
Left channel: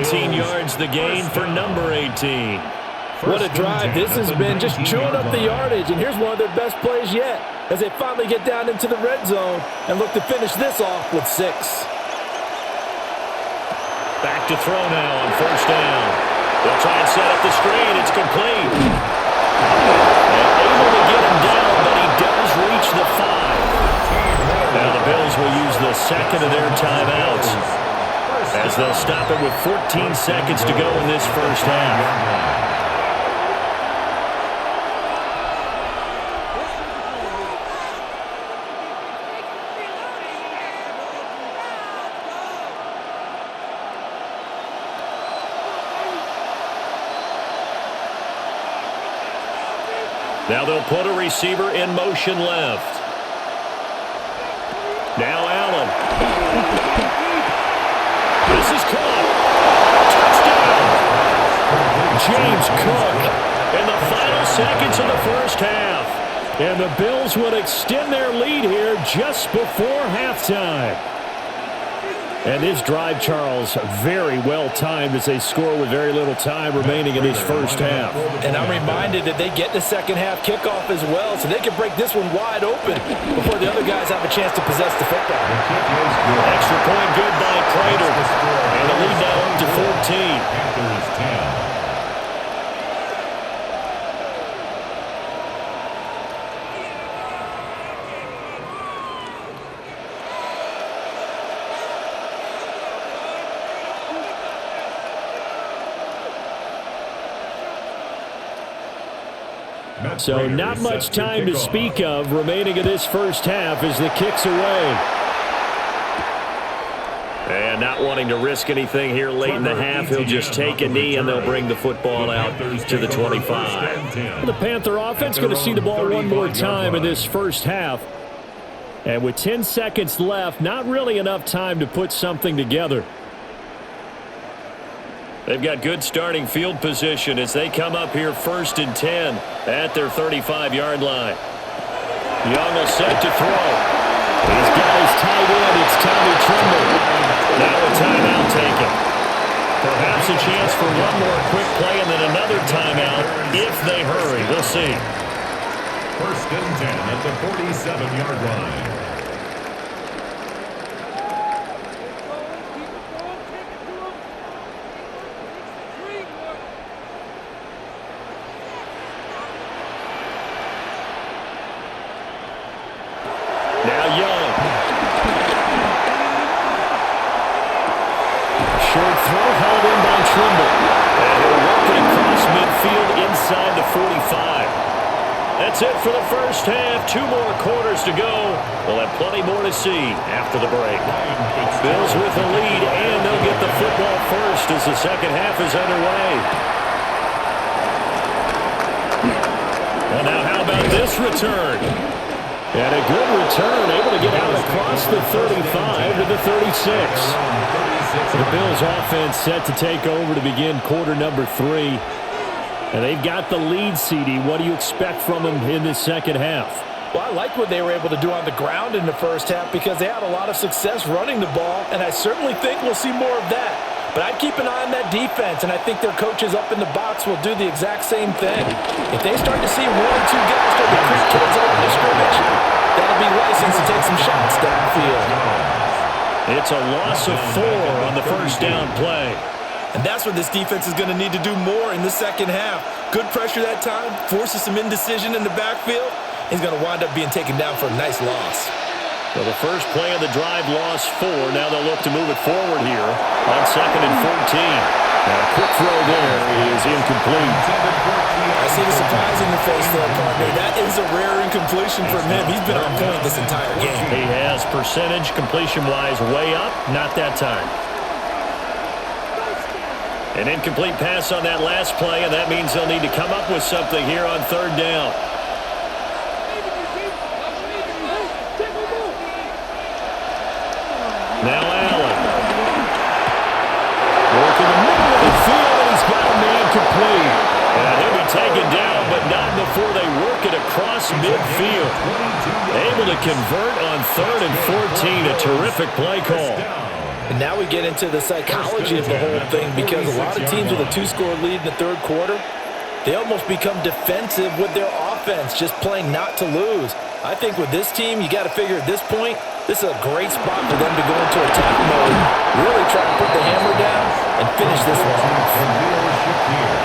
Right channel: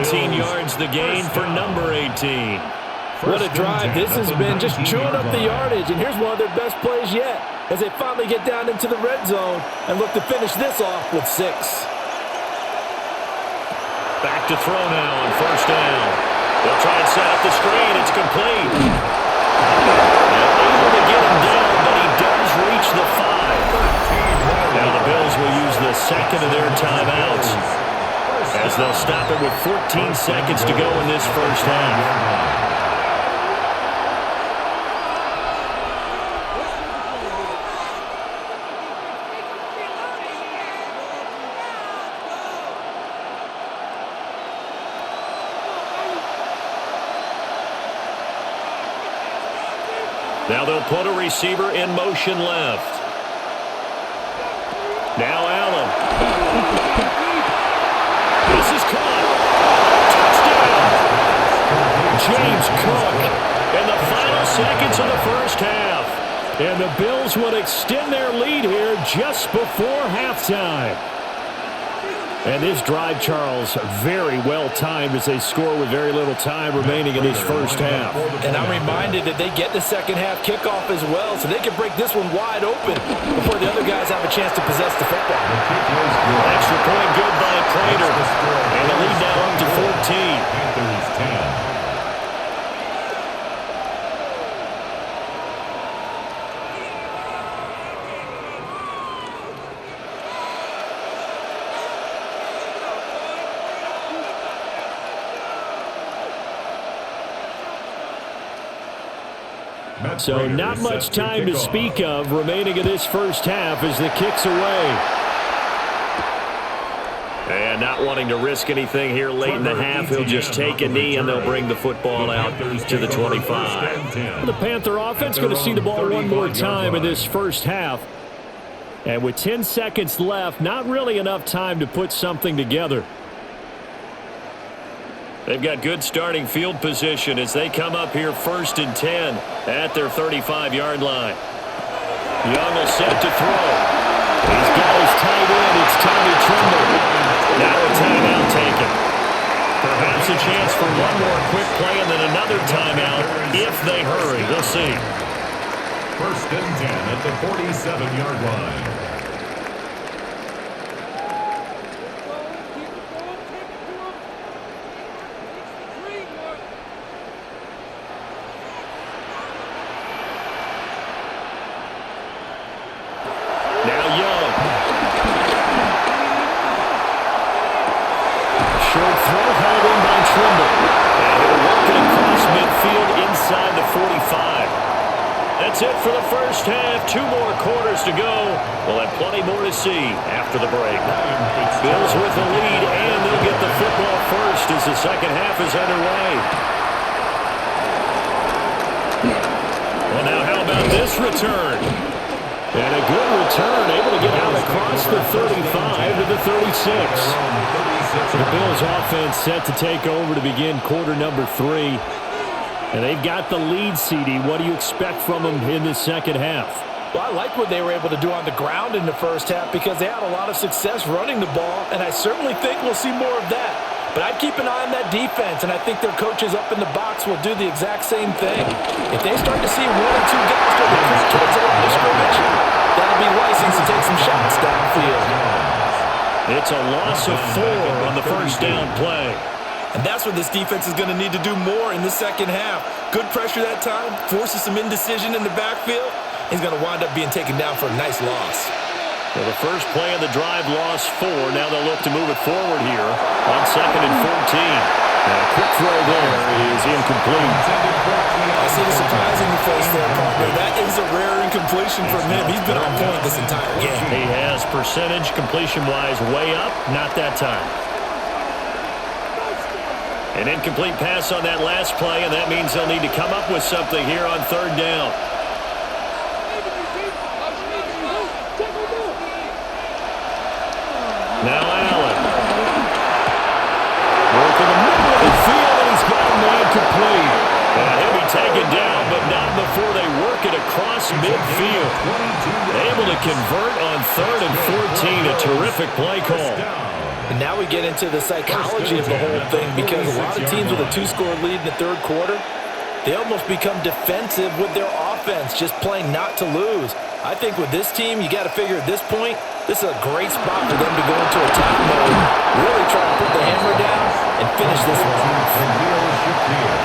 18 yards the gain for number 18. What a drive this has been, just chewing up the yardage. And here's one of their best plays yet as they finally get down into the red zone and look to finish this off with 6. Back to throw now on first down. They'll try and set up the screen. It's complete. And able to get him down, but he does reach the 5. Now the Bills will use the second of their timeouts as they'll stop it with 14 seconds to go in this first half. Now they'll put a receiver in motion left. Now Allen. This is caught. James Cook in the final seconds of the first half. And the Bills would extend their lead here just before halftime. And this drive, Charles, very well timed as they score with very little time remaining in this first half. And I'm reminded that they get the second half kickoff as well, so they can break this one wide open before the other guys have a chance to possess the football. The kick is good. Extra point good by Prater. And the lead now up to 14. Panthers 10. So not much time to speak of remaining in this first half as the kick's away. And not wanting to risk anything here late in the half, he'll just take a knee and they'll bring the football out to the 25. The Panther offense going to see the ball one more time in this first half. And with 10 seconds left, not really enough time to put something together. They've got good starting field position as they come up here 1st and 10 at their 35-yard line. Young will set to throw. He's got his tight end. It's Tommy Tremble. Now a timeout taken. Perhaps a chance for one more quick play and then another timeout if they hurry. We'll see. 1st and 10 at the 47-yard line. Now Young. Short throw hauled in by Trimble. And he'll work it across midfield inside the 45. That's it for the first half. 2 more quarters to go. We'll have plenty more to see after the break. Bills with the lead, and they'll get the football first as the second half is underway. Well, now how about this return? And a good return, able to get out across the 35 to the 36. The Bills offense set to take over to begin quarter number 3. And they've got the lead, CD. What do you expect from them in this second half? Well, I liked what they were able to do on the ground in the first half because they had a lot of success running the ball, and I certainly think we'll see more of that. But I'd keep an eye on that defense, and I think their coaches up in the box will do the exact same thing. If they start to see 1 or 2 guys start to creep towards the line of scrimmage, that'll be license to take some shots downfield. It's a loss of 4 on the first down play. And that's what this defense is going to need to do more in the second half. Good pressure that time, forces some indecision in the backfield. He's going to wind up being taken down for a nice loss. So the first play of the drive lost 4. Now they'll look to move it forward here on 2nd and 14. Now a quick throw there is incomplete. I see the surprise in your face there, partner. That is a rare incompletion from him. He's been on point this entire game. He has percentage completion-wise way up, not that time. An incomplete pass on that last play, and that means they'll need to come up with something here on 3rd down. Now Allen. Work in the middle of the field, and he's got a man complete. And he'll be taken down, but not before they work it across midfield. Able to convert on 3rd and 14. A terrific play call. And now we get into the psychology of the whole thing because a lot of teams with a 2-score lead in the 3rd quarter, they almost become defensive with their offense, just playing not to lose. I think with this team, you got to figure at this point, this is a great spot for them to go into attack mode, really try and put the hammer down and finish this one off.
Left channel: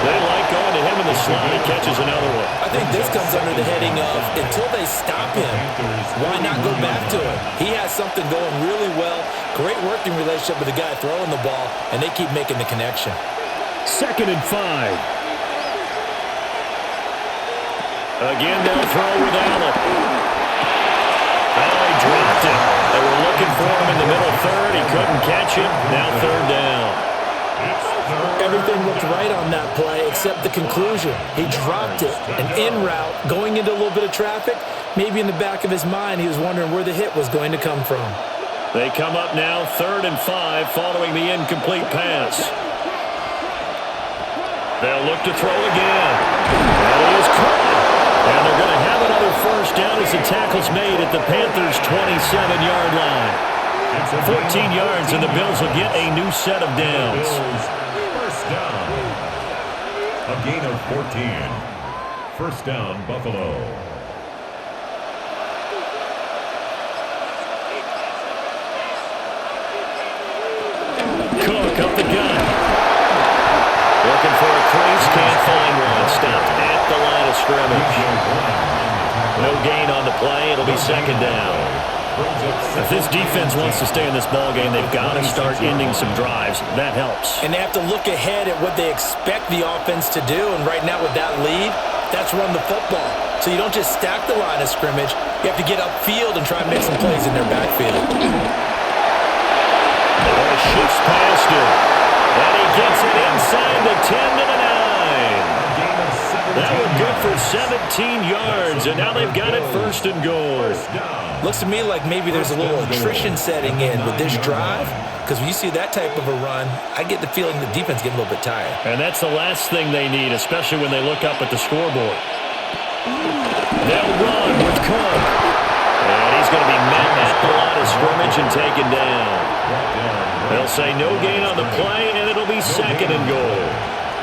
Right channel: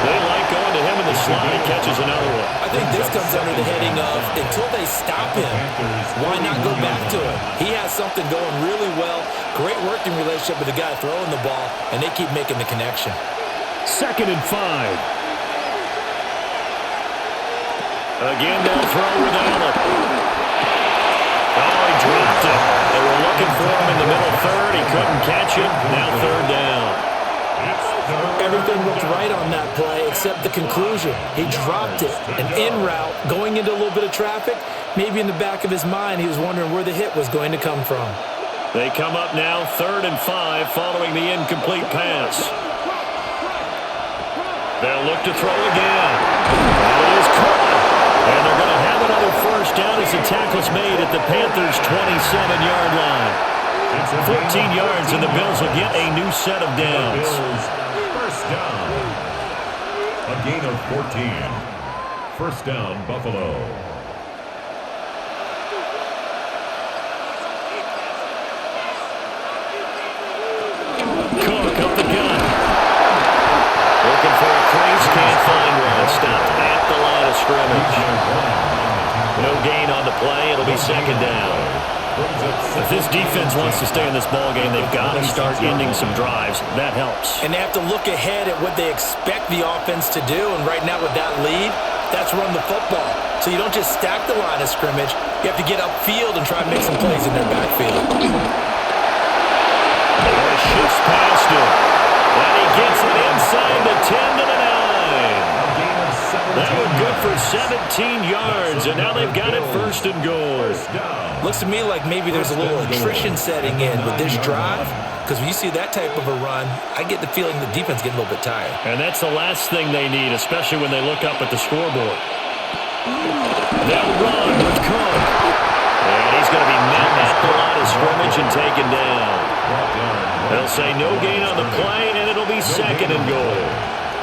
They like going to him in the slot. He catches another one. I think this comes under the heading of until they stop him, why not go back to it? He has something going really well, great working relationship with the guy throwing the ball, and they keep making the connection. 2nd and 5. Again, they'll throw with Allen. Oh, he dropped it. They were looking for him in the middle 3rd. He couldn't catch him. Now 3rd down. Everything looked right on that play except the conclusion. He dropped it. An in route, going into a little bit of traffic. Maybe in the back of his mind, he was wondering where the hit was going to come from. They come up now 3rd and 5 following the incomplete pass. They'll look to throw again. That is caught. And they're going to have another first down as the tackle's made at the Panthers' 27-yard line. 14 yards, and the Bills will get a new set of downs. First down. A gain of 14. First down, Buffalo. Cook up the gun. Looking for a crease, can't find one. Stopped at the line of scrimmage. No gain on the play. It'll be second down. If this defense wants to stay in this ball game, they've got to start ending some drives. That helps. And they have to look ahead at what they expect the offense to do. And right now with that lead, that's run the football. So you don't just stack the line of scrimmage. You have to get upfield and try and make some plays in their backfield. He shifts past him. And he gets it inside the 10 to the 9. That one good for 17 yards, and now they've got it first and goal. Looks to me like maybe there's a little attrition setting in with this drive, because when you see that type of a run, I get the feeling the defense getting a little bit tired. And that's the last thing they need, especially when they look up at the scoreboard. They'll run with Cook. And he's going to be met at the line of scrimmage and taken down. They'll say no gain on the play, and it'll be second and goal.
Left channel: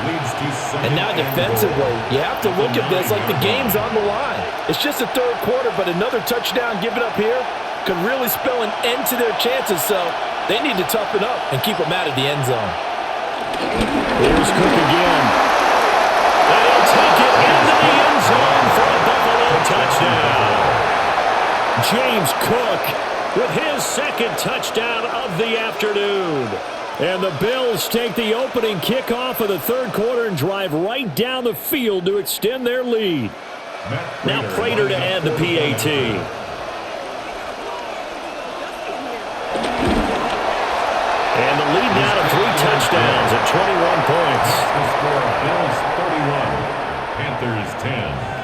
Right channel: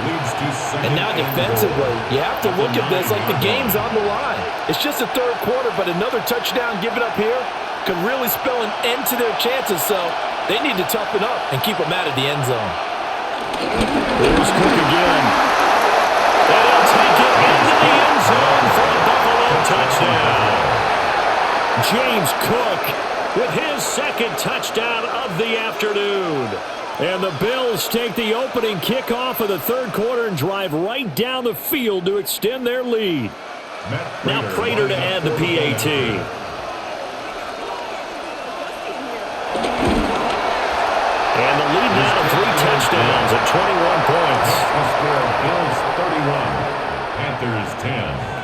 And now defensively, you have to look at this like the game's on the line. It's just the third quarter, but another touchdown given up here could really spell an end to their chances, so they need to toughen up and keep them out of the end zone. Here's Cook again. And he'll take it into the end zone for a Buffalo touchdown. James Cook with his second touchdown of the afternoon. And the Bills take the opening kickoff of the third quarter and drive right down the field to extend their lead. Now Prater to add the PAT. And the lead now to 3 touchdowns at 21 points. The score, Bills 31, Panthers 10.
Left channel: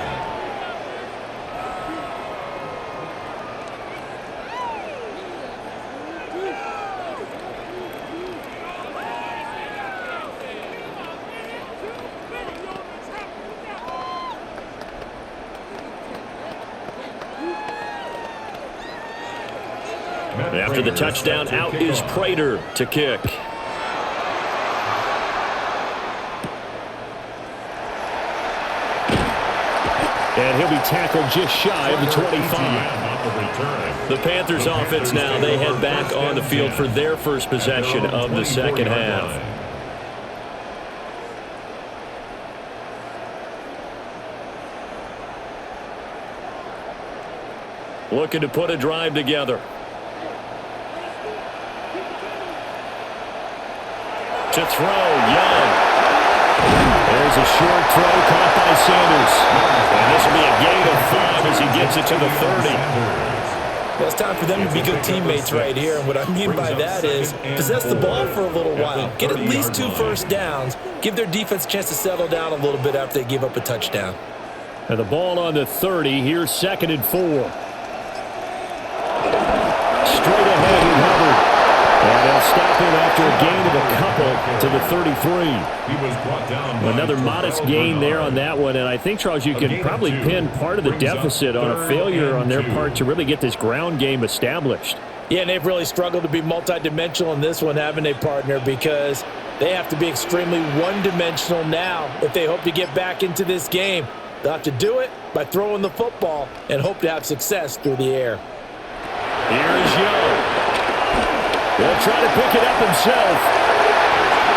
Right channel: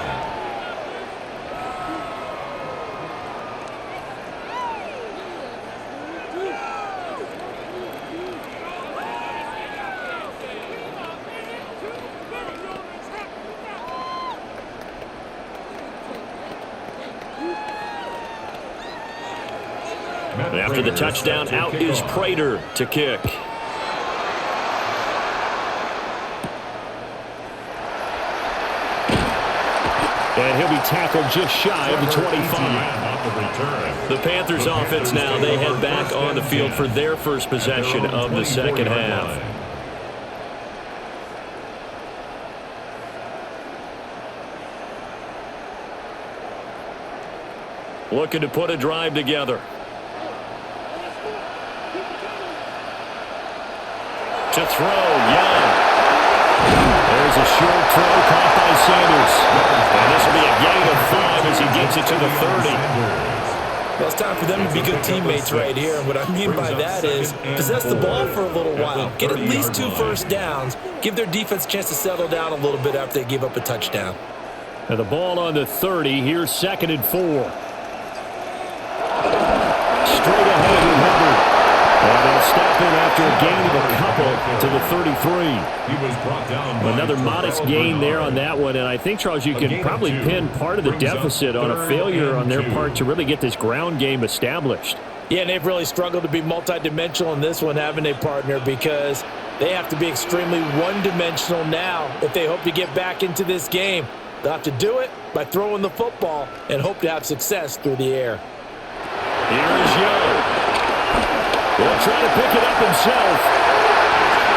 After the touchdown, out is Prater to kick. And he'll be tackled just shy of the 25. The Panthers offense now, they head back on the field for their first possession of the second half. Looking to put a drive together. To throw, Young. There's a short throw caught by Sanders. And this will be a gain of 5 as he gets it to the 30. Well, it's time for them to be good teammates right here. And what I mean by that is possess the ball for a little while. Get at least 2 first downs. Give their defense a chance to settle down a little bit after they give up a touchdown. And the ball on the 30. Here's second and 4. Straight ahead with Hubbard. And they'll stop him after a gain of a couple to the 33. He was brought down. Another modest gain there on that one. And I think, Charles, you could probably pin part of the deficit on a failure on their part to really get this ground game established. Yeah, and they've really struggled to be multidimensional in this one, haven't they, partner? Because they have to be extremely one-dimensional now if they hope to get back into this game. They'll have to do it by throwing the football and hope to have success through the air. Here is Young. They'll try to pick it up himself.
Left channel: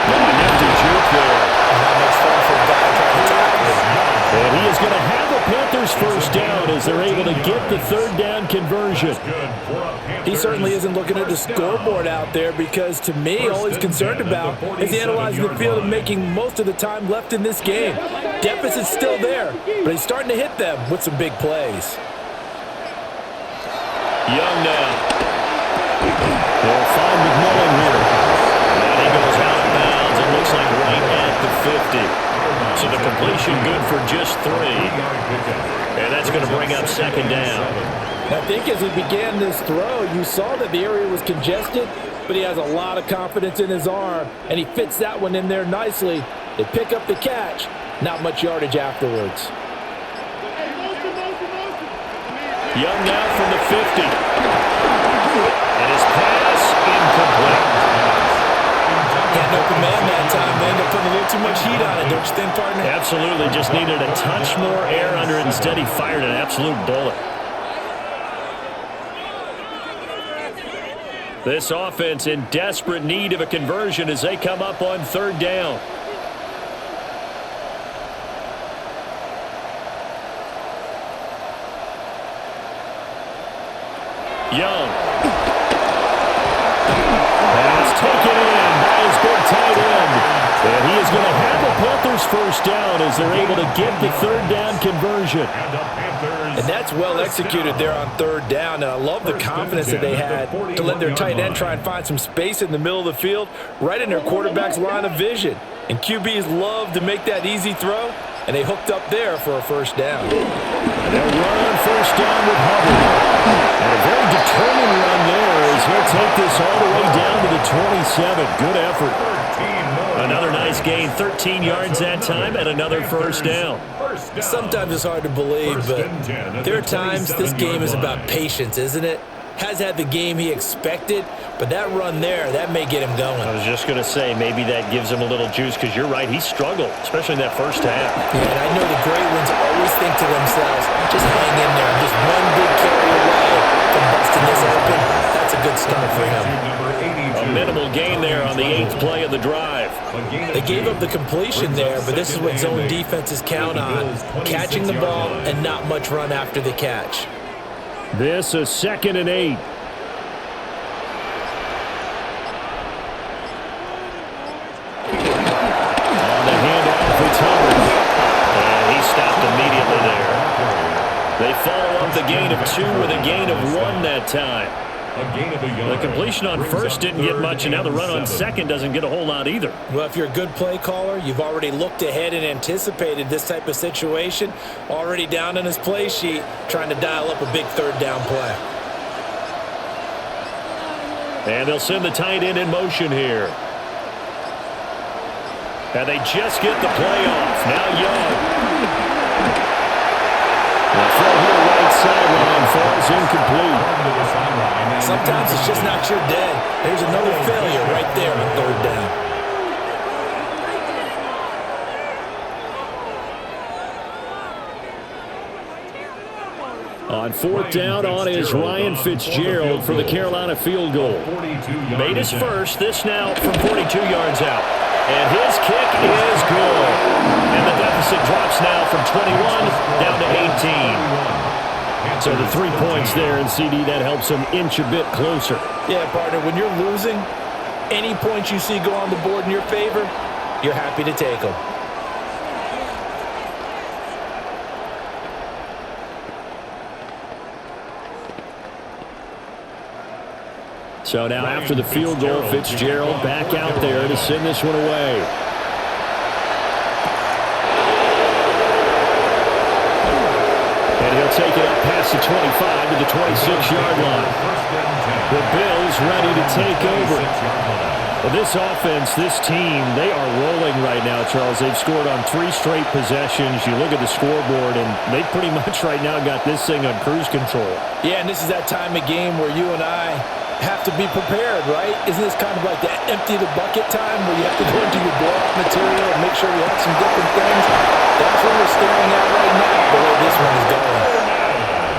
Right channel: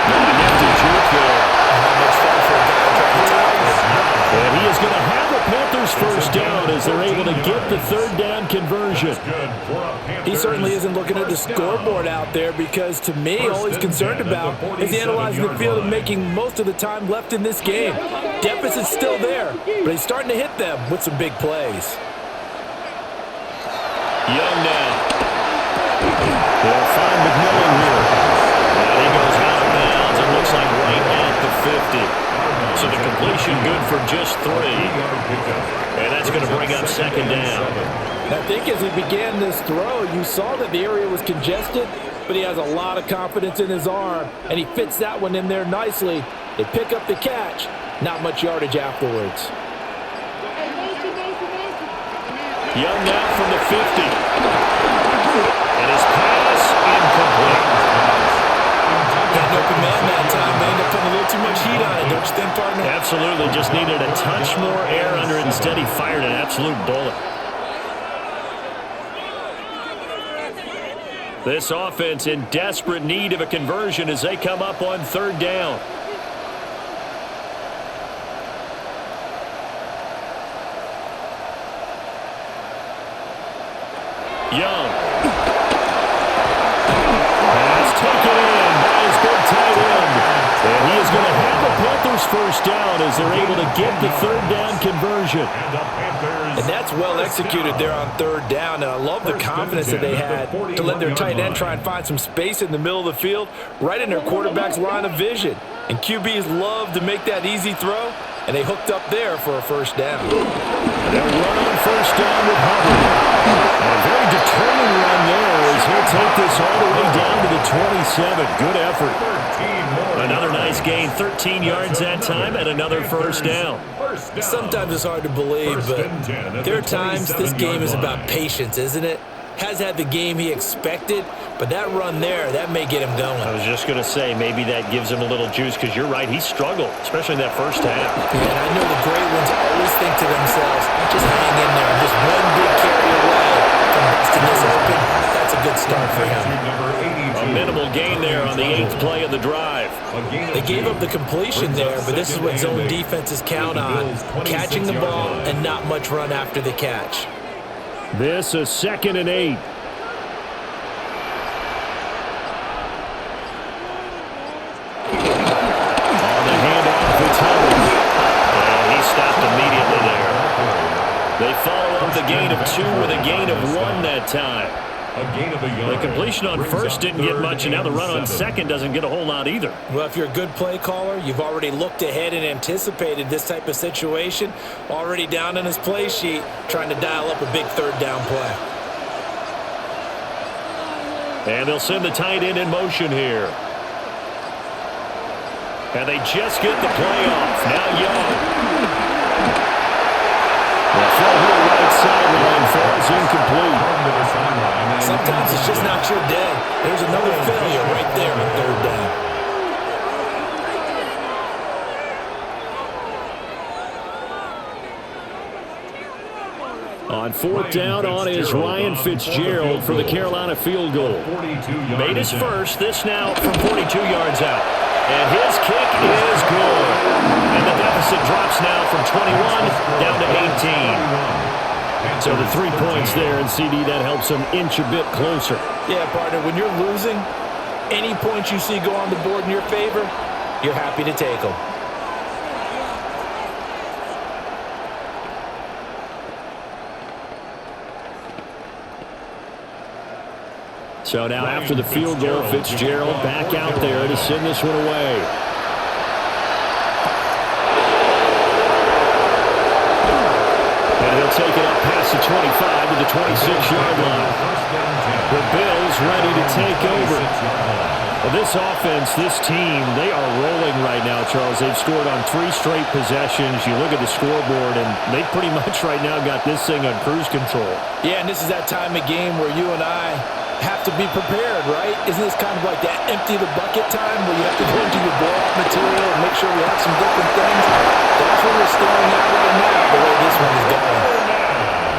No, nifty juke there. Not much fun for a guy trying to tackle him. And he is going to have a Panthers first down as they're able to get the third down conversion. He certainly isn't looking at the scoreboard out there because, to me, all he's concerned about is analyzing the field and making most of the time left in this game. Deficit's still there, but he's starting to hit them with some big plays. Young now. He'll find McMillan here. And he goes out of bounds. It looks like right at the 50. So the completion good for just 3. And that's going to bring up second down. I think as he began this throw, you saw that the area was congested, but he has a lot of confidence in his arm, and he fits that one in there nicely. They pick up the catch, not much yardage afterwards. Young now from the 50. And his pass incomplete. Got an open man that time. They end up putting a little too much heat on it, don't you think, partner? Absolutely. Just needed a touch more air under it. Instead, he fired an absolute bullet. This offense in desperate need of a conversion as they come up on third down. Young. Pass taken in by his big tight end. And he is going to have a Panthers first down as they're able to get the third down conversion. And that's well executed there on third down. And I love the confidence that they had to let their tight end try and find some space in the middle of the field, right in their quarterback's line of vision. And QBs love to make that easy throw, and they hooked up there for a first down. And they'll run on first down with Hubbard. And a very determined run there as he'll take this all the way down to the 27. Good effort. Another nice gain, 13 yards that time, and another first down. Sometimes it's hard to believe, but there are times this game is about patience, isn't it? Has had the game he expected, but that run there, that may get him going. I was just going to say, maybe that gives him a little juice, because you're right, he struggled, especially in that first half. Yeah, and I know the great ones always think to themselves, just hang in there. I'm just one big carry away from busting this open. That's a good start for him. A minimal gain there on the 8th play of the drive. They gave up the completion there, but this is what zone defenses count on, catching the ball and not much run after the catch. This is 2nd and 8. On the handoff, it's Hubbard. And he stopped immediately there. They follow up the gain of 2 with a gain of 1 that time. The completion on first didn't get much, and now the run on second doesn't get a whole lot either. Well, if you're a good play caller, you've already looked ahead and anticipated this type of situation, already down in his play sheet, trying to dial up a big third down play. And they'll send the tight end in motion here. And they just get the play off. Now Young. The throw here right sideline falls incomplete. Sometimes it's just not your day. There's another failure right there on third down. On fourth down on is Ryan Fitzgerald for the Carolina field goal. Made his first, this now from 42 yards out. And his kick is good. And the deficit drops now from 21 down to 18. So the 3 points there, and CD, that helps them inch a bit closer. Yeah, partner, when you're losing, any points you see go on the board in your favor, you're happy to take them. So now after the field goal, Fitzgerald back out there to send this one away. And he'll take it up past the 25 to the 26-yard line. The Bills ready to take over. Well, this offense, this team, they are rolling right now, Charles. They've scored on 3 straight possessions. You look at the scoreboard, and they pretty much right now got this thing on cruise control. Yeah, and this is that time of game where you and I have to be prepared, right? Isn't this kind of like that empty the bucket time where you have to go into your blowout material and make sure we have some different things? That's what we're staring at right now, the way this one is going.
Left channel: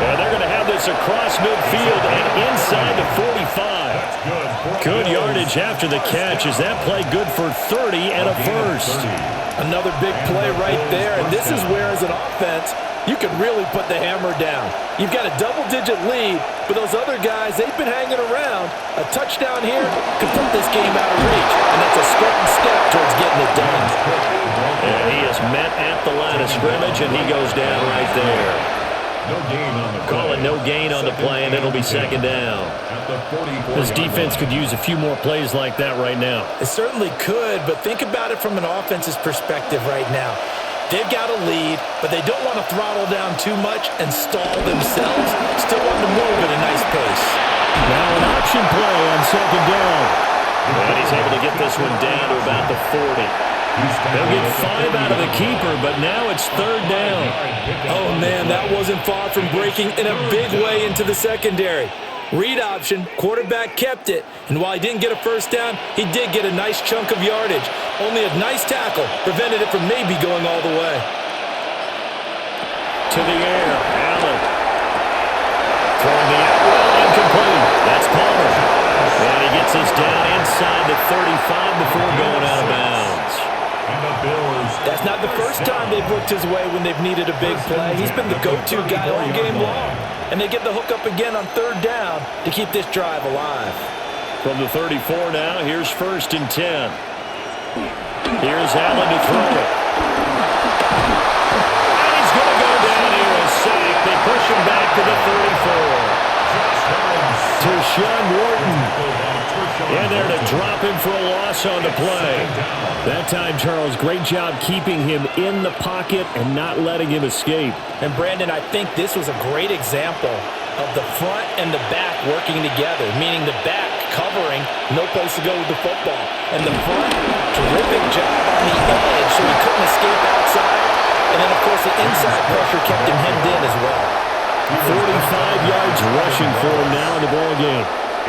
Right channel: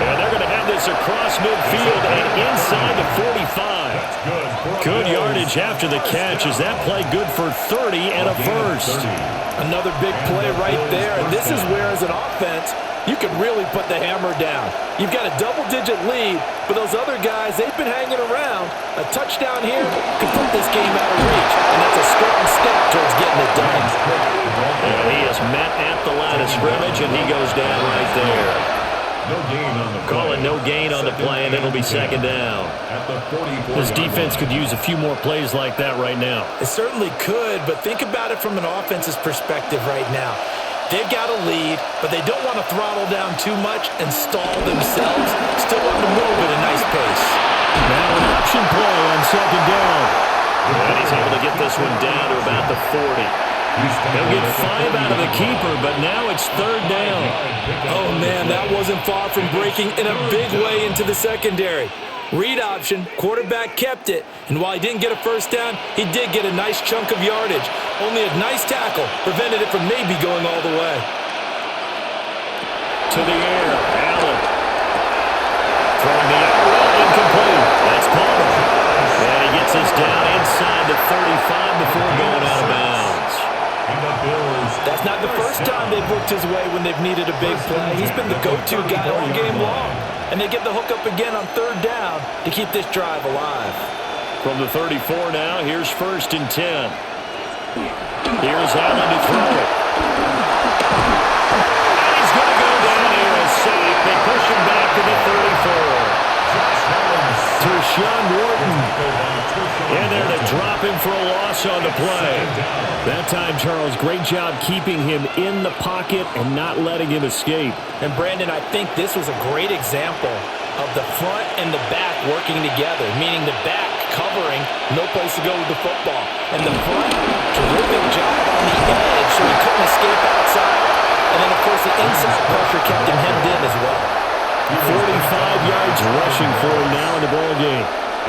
And they're going to have this across midfield and inside the 45. Good yardage after the catch. Is that play good for 30 and a first? Another big play right there. And this is where, as an offense, you can really put the hammer down. You've got a double-digit lead, but those other guys, they've been hanging around. A touchdown here could put this game out of reach, and that's a strong step towards getting it done. And he is met at the line of scrimmage, and he goes down right there. No gain on the play. Call it no gain on the play, and it'll be second down. At the 44. This defense could use a few more plays like that right now. It certainly could, but think about it from an offense's perspective right now. They've got a lead, but they don't want to throttle down too much and stall themselves. Still want to move at a nice pace. Now an option play on second down. And he's able to get this one down to about the 40. He'll get 5 out of the keeper, but now it's third down. Oh, man, that wasn't far from breaking in a big way into the secondary. Read option, quarterback kept it, and while he didn't get a first down, he did get a nice chunk of yardage. Only a nice tackle prevented it from maybe going all the way. To the air, Allen. Throwing the out route, incomplete. That's Palmer. And he gets us down inside the 35 before going out of bounds. That's not the first time they've looked his way when they've needed a big play. He's been the go-to guy all game long. And they get the hook up again on third down to keep this drive alive. From the 34 now, here's 1st and 10. Here's Allen to throw it. And he's going to go down here, a sack. They push him back to the 34. Tershawn Wharton in there to drop him for a loss on the play. That time, Charles, great job keeping him in the pocket and not letting him escape. And, Brandon, I think this was a great example of the front and the back working together, meaning the back covering, no place to go with the football. And the front, terrific job on the edge so he couldn't escape outside. And then, of course, the inside pressure kept him hemmed in as well. 45 yards rushing for him now in the ball game.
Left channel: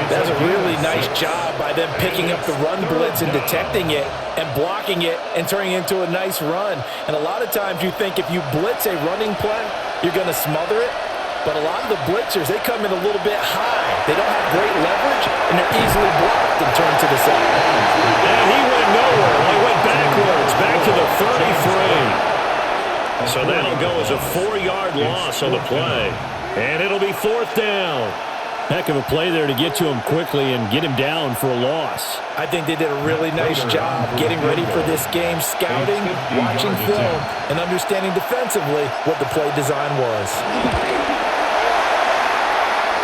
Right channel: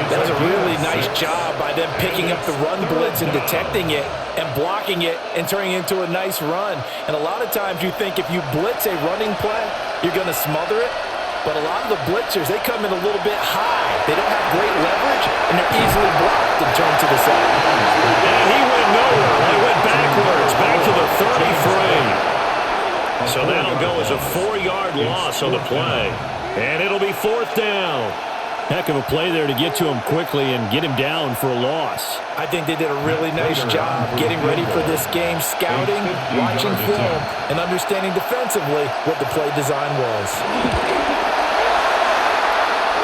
That's a really nice job by them picking up the run blitz and detecting it and blocking it and turning it into a nice run. And a lot of times you think if you blitz a running play, you're going to smother it. But a lot of the blitzers, they come in a little bit high. They don't have great leverage, and they're easily blocked and turned to the side. And he went nowhere. He went backwards, back to the 33. So that'll go as a 4-yard loss on the play. And it'll be 4th down. Heck of a play there to get to him quickly and get him down for a loss. I think they did a really nice job getting ready for this game, scouting, watching film, and understanding defensively what the play design was.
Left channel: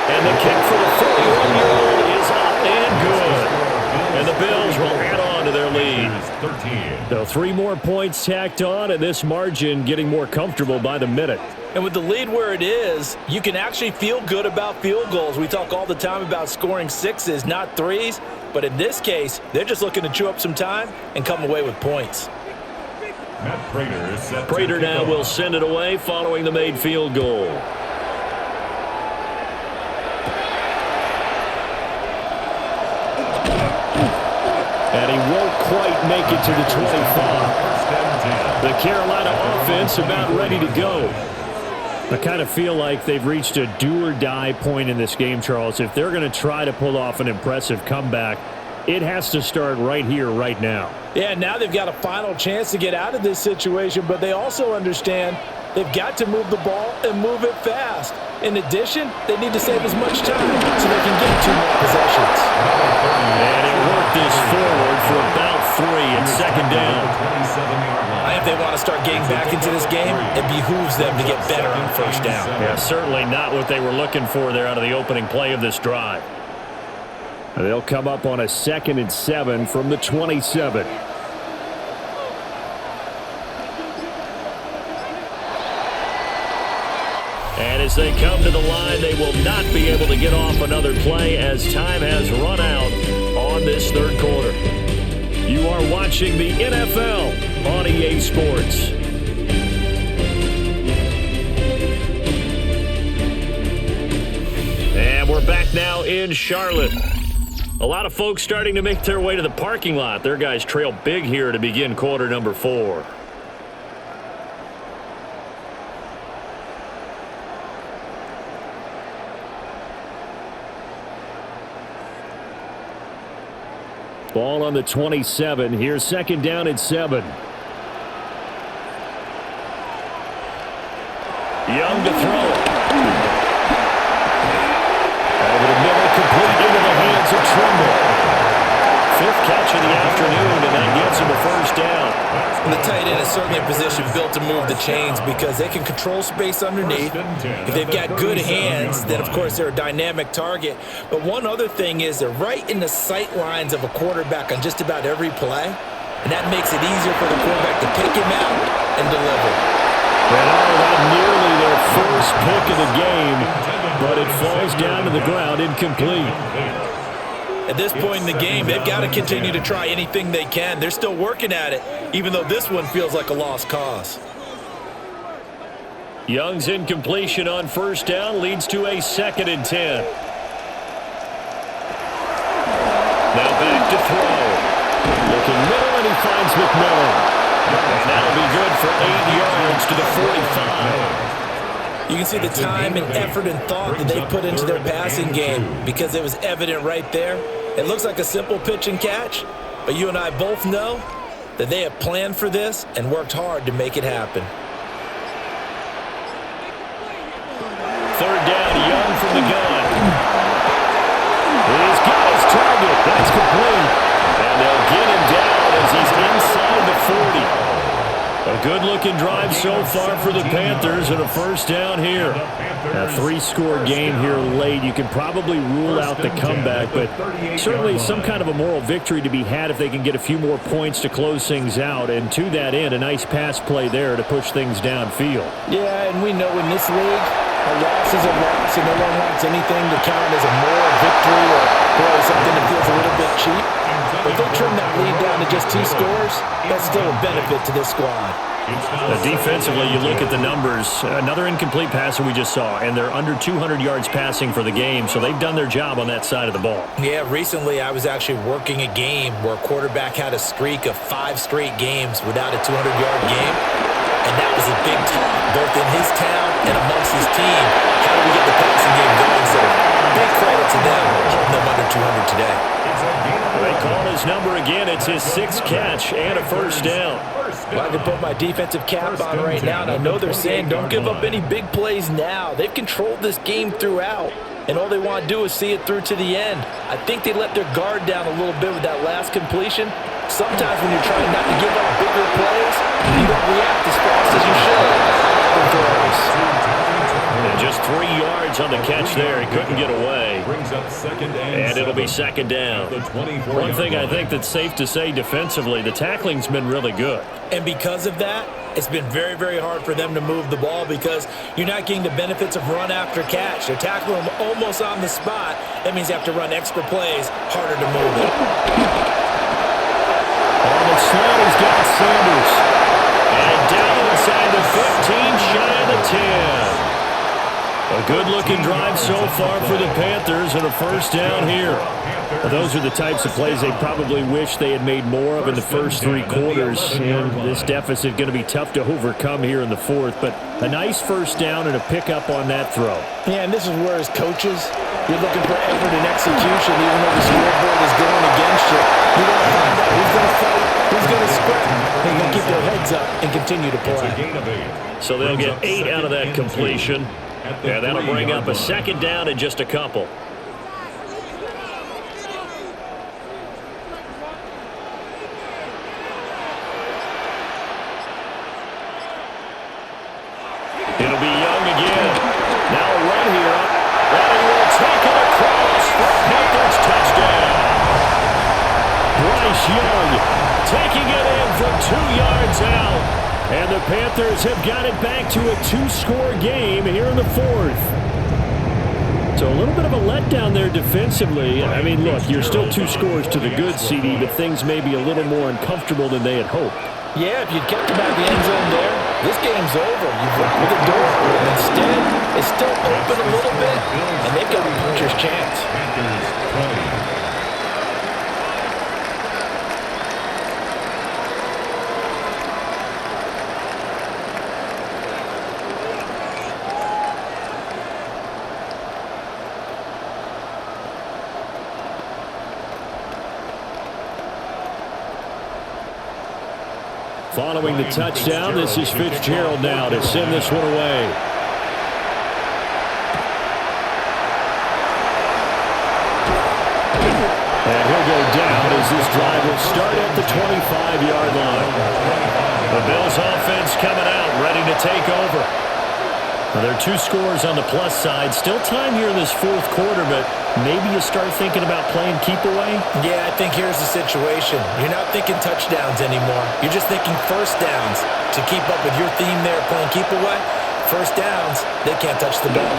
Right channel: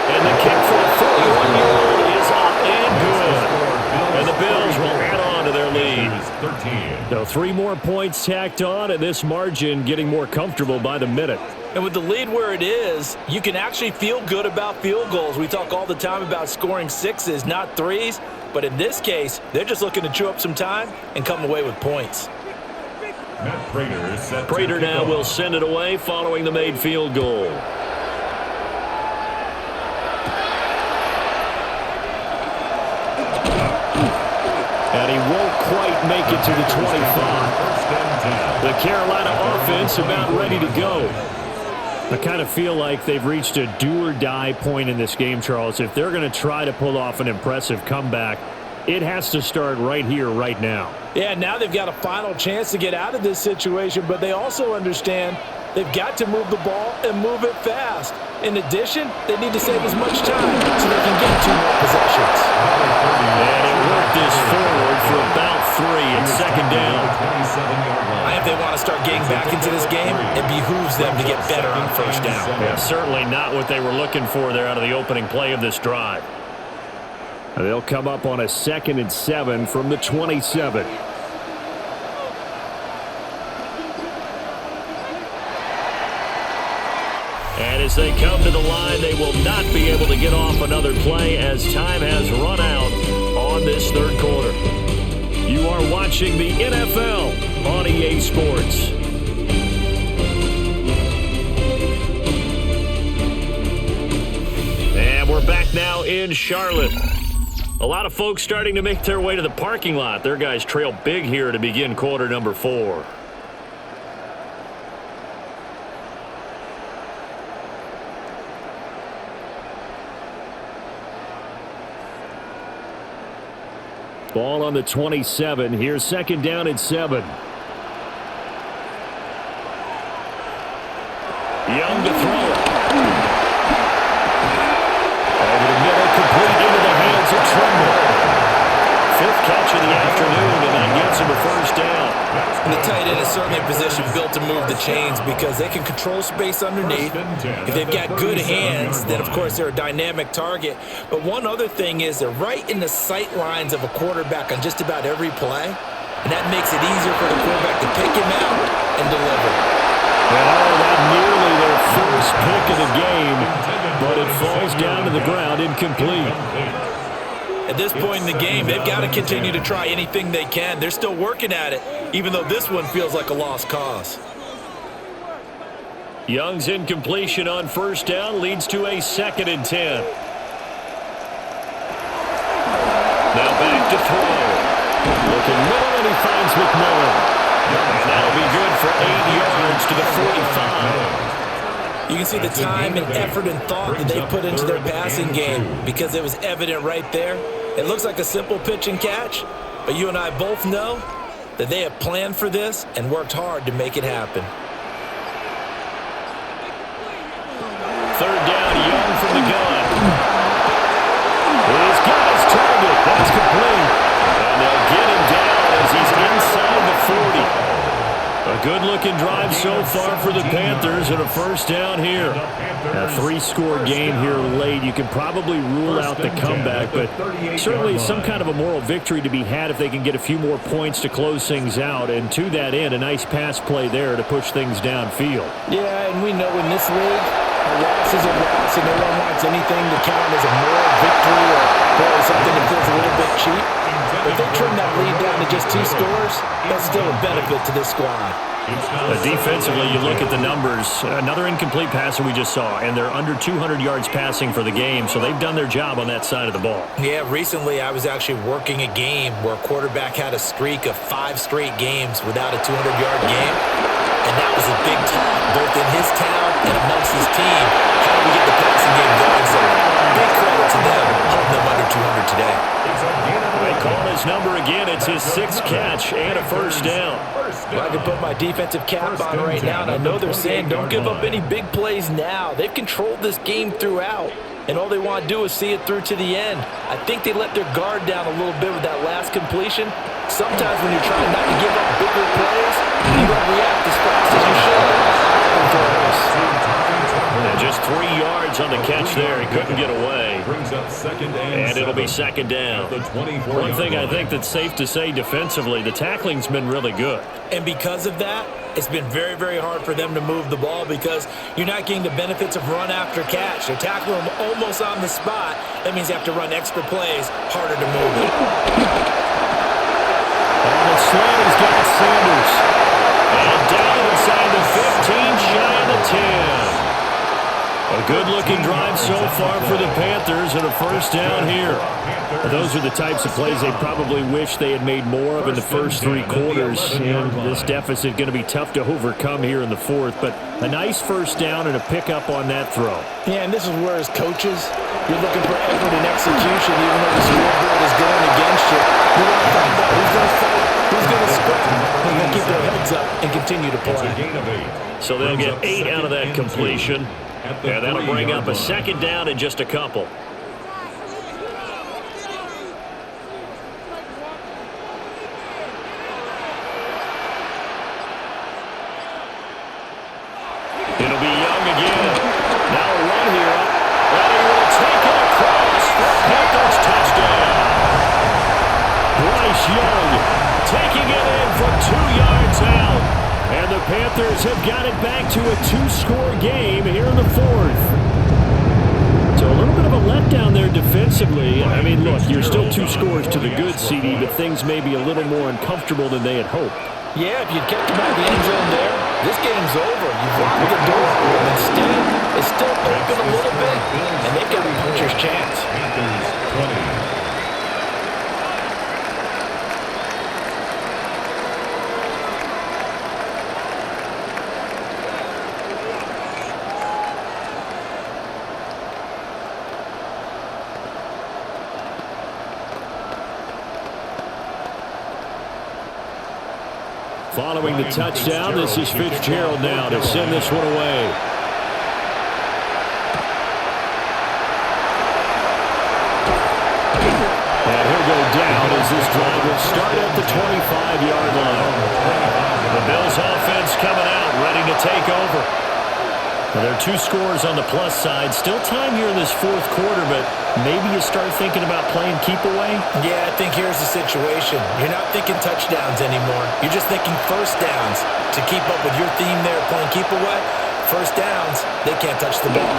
And the kick for the 41-year-old is up and good. And the Bills will add on to their lead. So 3 more points tacked on, and this margin getting more comfortable by the minute. And with the lead where it is, you can actually feel good about field goals. We talk all the time about scoring 6s, not 3s. But in this case, they're just looking to chew up some time and come away with points. Prater now will send it away following the made field goal. And he won't quite make it to the 25. The Carolina offense about ready to go. I kind of feel like they've reached a do-or-die point in this game, Charles. If they're going to try to pull off an impressive comeback, it has to start right here, right now. Yeah, now they've got a final chance to get out of this situation, but they also understand they've got to move the ball and move it fast. In addition, they need to save as much time so they can get 2 more possessions. And he'll work this forward for about 3. It's 2nd down. If they want to start getting back into this game, it behooves them to get better on 1st down. Yeah, certainly not what they were looking for there out of the opening play of this drive. They'll come up on a 2nd and 7 from the 27. And as they come to the line, they will not be able to get off another play as time has run out on this 3rd quarter. You are watching the NFL on EA Sports. And we're back now in Charlotte. A lot of folks starting to make their way to the parking lot. Their guys trail big here to begin quarter number 4. Ball on the 27. Here's 2nd down and 7. Young to throw it. Over the middle, complete into the hands of Trimble. 5th catch of the afternoon, and that gets him a 1st down. And the tight end is certainly a position built to move the chains because they can control space underneath. If they've got good hands, then of course they're a dynamic target. But one other thing is they're right in the sight lines of a quarterback on just about every play. And that makes it easier for the quarterback to pick him out and deliver. And that nearly their first pick of the game, but it falls down to the ground incomplete. At this point in the game, they've got to continue to try anything they can. They're still working at it, even though this one feels like a lost cause. Young's incompletion on first down leads to a 2nd and 10. Now back to throw. Looking middle, and he finds McMillan. And that'll be good for 8 yards to the 45. You can see the time and effort and thought that they put into their passing game because it was evident right there. It looks like a simple pitch and catch, but you and I both know that they have planned for this and worked hard to make it happen. 3rd down, Young from the gun. He's got his target. That's complete. And they'll get him down as he's inside the 40. A good-looking drive so far for the Panthers and a first down here. A 3-score game here late. You can probably rule out the comeback, but certainly some kind of a moral victory to be had if they can get a few more points to close things out. And to that end, a nice pass play there to push things downfield. Yeah, and we know in this league, a loss is a loss, and no one wants anything to count as a moral victory or boy, something that feels a little bit cheap. But if they trim that lead down to just 2 scores, that's still a benefit to this squad. Defensively, you look at the numbers. Another incomplete passer we just saw, and they're under 200 yards passing for the game, so they've done their job on that side of the ball. Yeah, recently I was actually working a game where a quarterback had a streak of 5 straight games without a 200-yard game. And that was a big talk, both in his town and amongst his team. How do we get the passing game going? So big credit to them, holding them under 200 today. They call his number again. It's his 6th catch and a first down. Well, I can put my defensive cap on right now, and I know they're saying don't give up any big plays now. They've controlled this game throughout, and all they want to do is see it through to the end. I think they let their guard down a little bit with that last completion. Sometimes when you're trying not to give up bigger plays, you don't react as fast as you should on other throws. And just 3 yards on the catch there. He couldn't get away. And it'll be 2nd down. One thing I think that's safe to say defensively, the tackling's been really good. And because of that, it's been very, very hard for them to move the ball because you're not getting the benefits of run after catch. They're tackling them almost on the spot. That means you have to run extra plays, harder to move it. On a slant, he's got Sanders. And down inside the 15, shy of the 10. A good-looking drive so far for the Panthers and a first down here. Those are the types of plays they probably wish they had made more of in the first 3 quarters. And this deficit going to be tough to overcome here in the 4th. But a nice first down and a pickup on that throw. Yeah, and this is where, as coaches, you're looking for effort and execution, even though the scoreboard is going against you. You want to find out who's going to fight, who's going to scrap, and going to keep their heads up and continue to play. So they'll get 8 out of that completion. Yeah, that'll bring up a 2nd down in just a couple. It'll be Young again. Now a run here. And he will take it across for a Panthers touchdown. Bryce Young taking it in from 2 yards out. And the Panthers have got it back to a 2-score game here in the 4th. So a little bit of a letdown there defensively. I mean, look, you're still 2 scores to the good, CD, but things may be a little more uncomfortable than they had hoped. Yeah, if you'd kept them out of the end zone there, this game's over. You've locked the door on them. Instead, it's still open a little bit, and they've got a puncher's chance. Panthers 20. Following the touchdown, this is Fitzgerald now to send this one away. And he'll go down as this drive will start at the 25-yard line. The Bills offense coming out, ready to take over. Well, there are 2 scores on the plus side. Still time here in this 4th quarter, but maybe you start thinking about playing keep away? Yeah, I think here's the situation. You're not thinking touchdowns anymore. You're just thinking first downs. To keep up with your theme there, playing keep away, first downs, they can't touch the ball.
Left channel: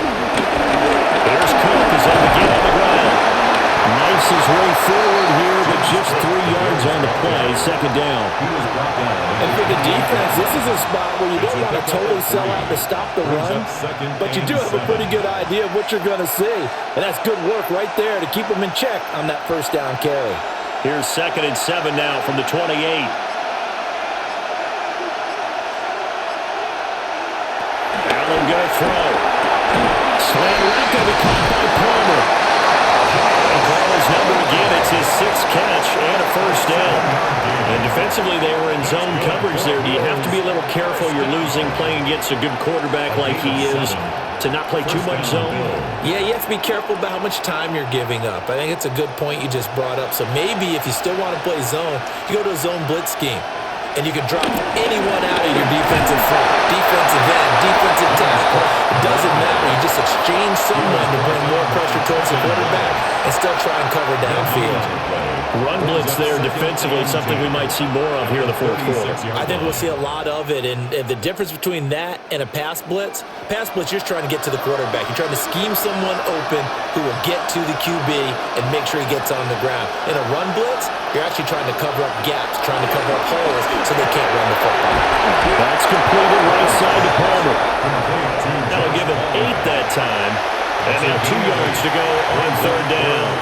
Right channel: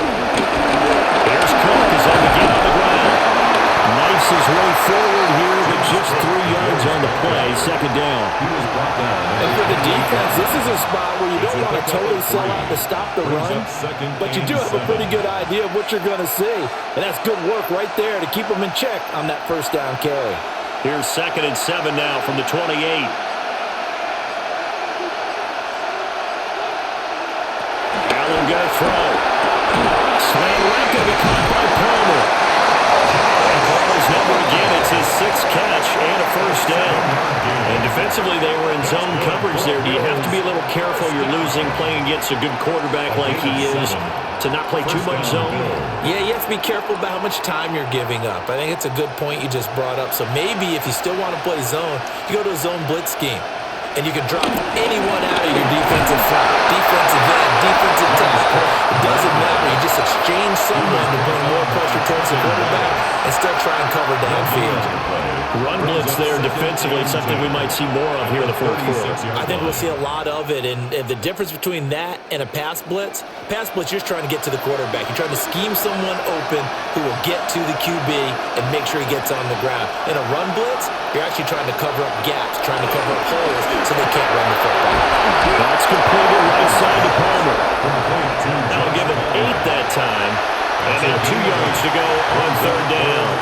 Here's Cook as they begin on the ground. Nice force his way forward here, but just 3 yards on the play, second down. And for the defense, this is a spot where you don't want to totally sell out to stop the run, but you do have a pretty good idea of what you're going to see. And that's good work right there to keep them in check on that first down carry. Here's 2nd and 7 now from the 28. Allen going to throw. Slant route going to be caught by Palmer. They call his number again. It's his 6th catch and a first down. And defensively, they were in zone coverage there. Do you have to be a little careful? You're losing playing against a good quarterback like he is to not play too much zone? Yeah, you have to be careful about how much time you're giving up. I think it's a good point you just brought up. So maybe if you still want to play zone, you go to a zone blitz scheme. And you can drop anyone out of your defensive front, defensive end, defensive tackle. It doesn't matter. You just exchange someone to bring more pressure towards the quarterback and still try and cover downfield. Run blitz there defensively, something we might see more of here in the fourth quarter. I think we'll see a lot of it. And the difference between that and a pass blitz, you're just trying to get to the quarterback. You're trying to scheme someone open who will get to the QB and make sure he gets on the ground. In a run blitz, you're actually trying to cover up gaps, trying to cover up holes, so they can't run the football. That's completed right side to Palmer. That'll give him 8 that time. And now 2 yards to go on 3rd down.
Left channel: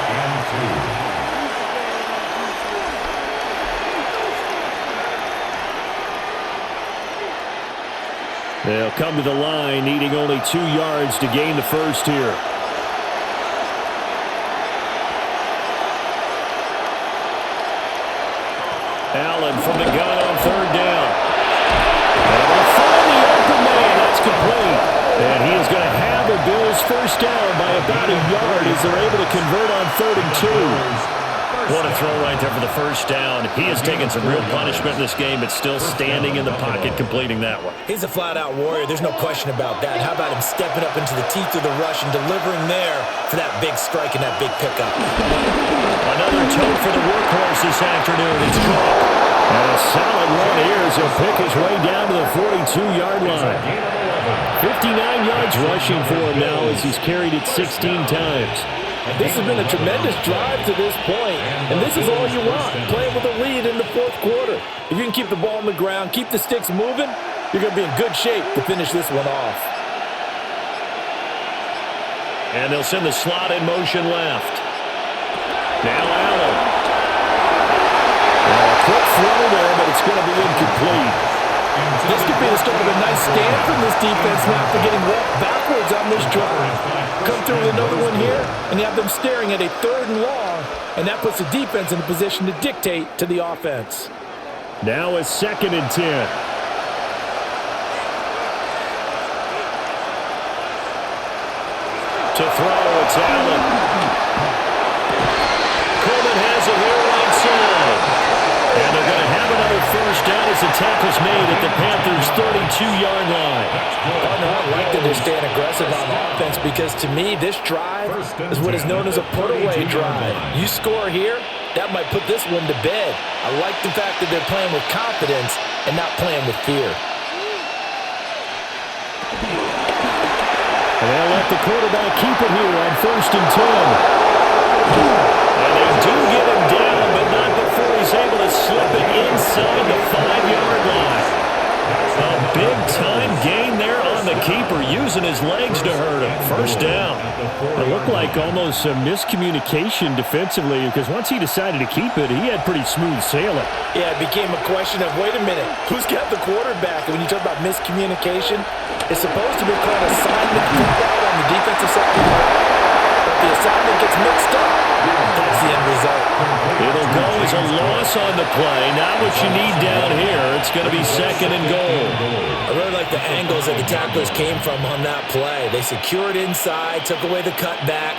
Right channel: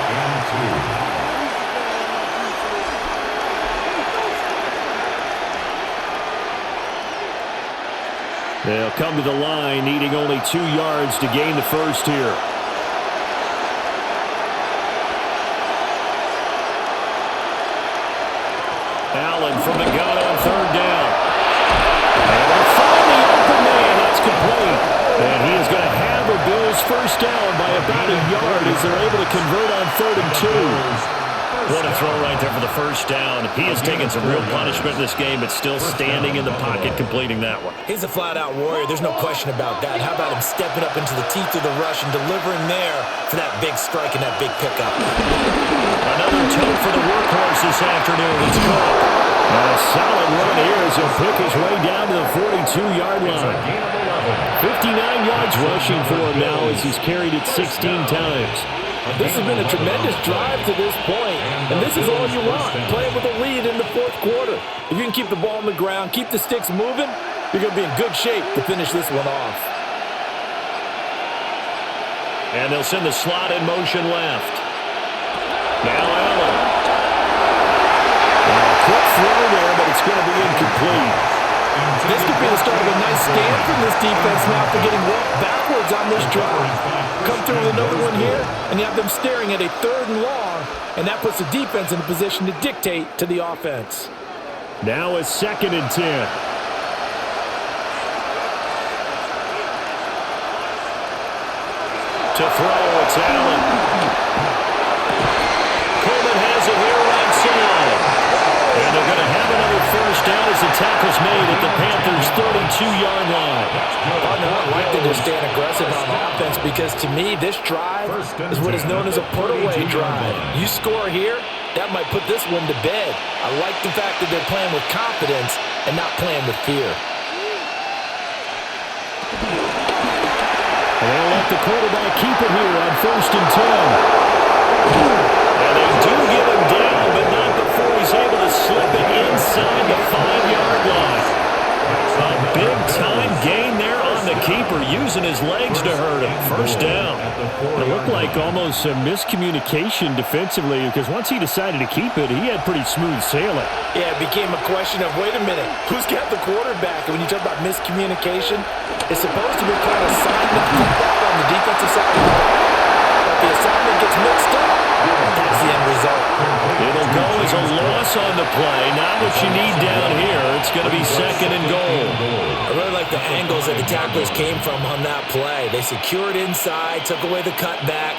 They'll come to the line, needing only 2 yards to gain the first here. Allen from the gun on 3rd down. Able to find the open man. That's complete. And he is going to have a Bills first down by about a yard as they're able to convert on 3rd and 2. What a throw right there for the first down. He has taken some real punishment in this game, but still standing in the pocket, completing that one. He's a flat-out warrior. There's no question about that. How about him stepping up into the teeth of the rush and delivering there for that big strike and that big pickup? Another tote for the workhorse this afternoon. It's Cook. And a solid run here as he'll pick his way down to the 42-yard line. 59 yards rushing for him now as he's carried it 16 times. This has been a tremendous drive to this point, and this is all you want, playing with a lead in the fourth quarter. If you can keep the ball on the ground, keep the sticks moving, you're going to be in good shape to finish this one off. And they'll send the slot in motion left. Now Allen. Now a quick throw there, but it's going to be incomplete. This could be the start of a nice stand from this defense now after getting walked backwards on this drive. Come through with another one here, and you have them staring at a 3rd and long, and that puts the defense in a position to dictate to the offense. Now a 2nd and 10. To throw, it's Allen. Coleman has it here right side. And they're going to have another first down as the tackle's made at the Panthers' 32-yard line. Partner, I like that they're staying aggressive on offense because, to me, this drive is what is known as a put-away drive. You score here, that might put this one to bed. I like the fact that they're playing with confidence and not playing with fear. And they'll let the quarterback keep it here on 1st and 10. And they do get him down, but not before he's able to slip it inside the 5-yard line. A big-time gain there on the keeper, using his legs to hurt him. First down. It looked like almost a miscommunication defensively because once he decided to keep it, he had pretty smooth sailing. Yeah, it became a question of, wait a minute, who's got the quarterback? And when you talk about miscommunication, it's supposed to be called assignment football on the defensive side of the ball. But the assignment gets mixed up. That's the end result. It'll go as a loss on the play. Not what you need down here. It's going to be 2nd and goal. I really like the angles that the tacklers came from on that play. They secured inside, took away the cutback.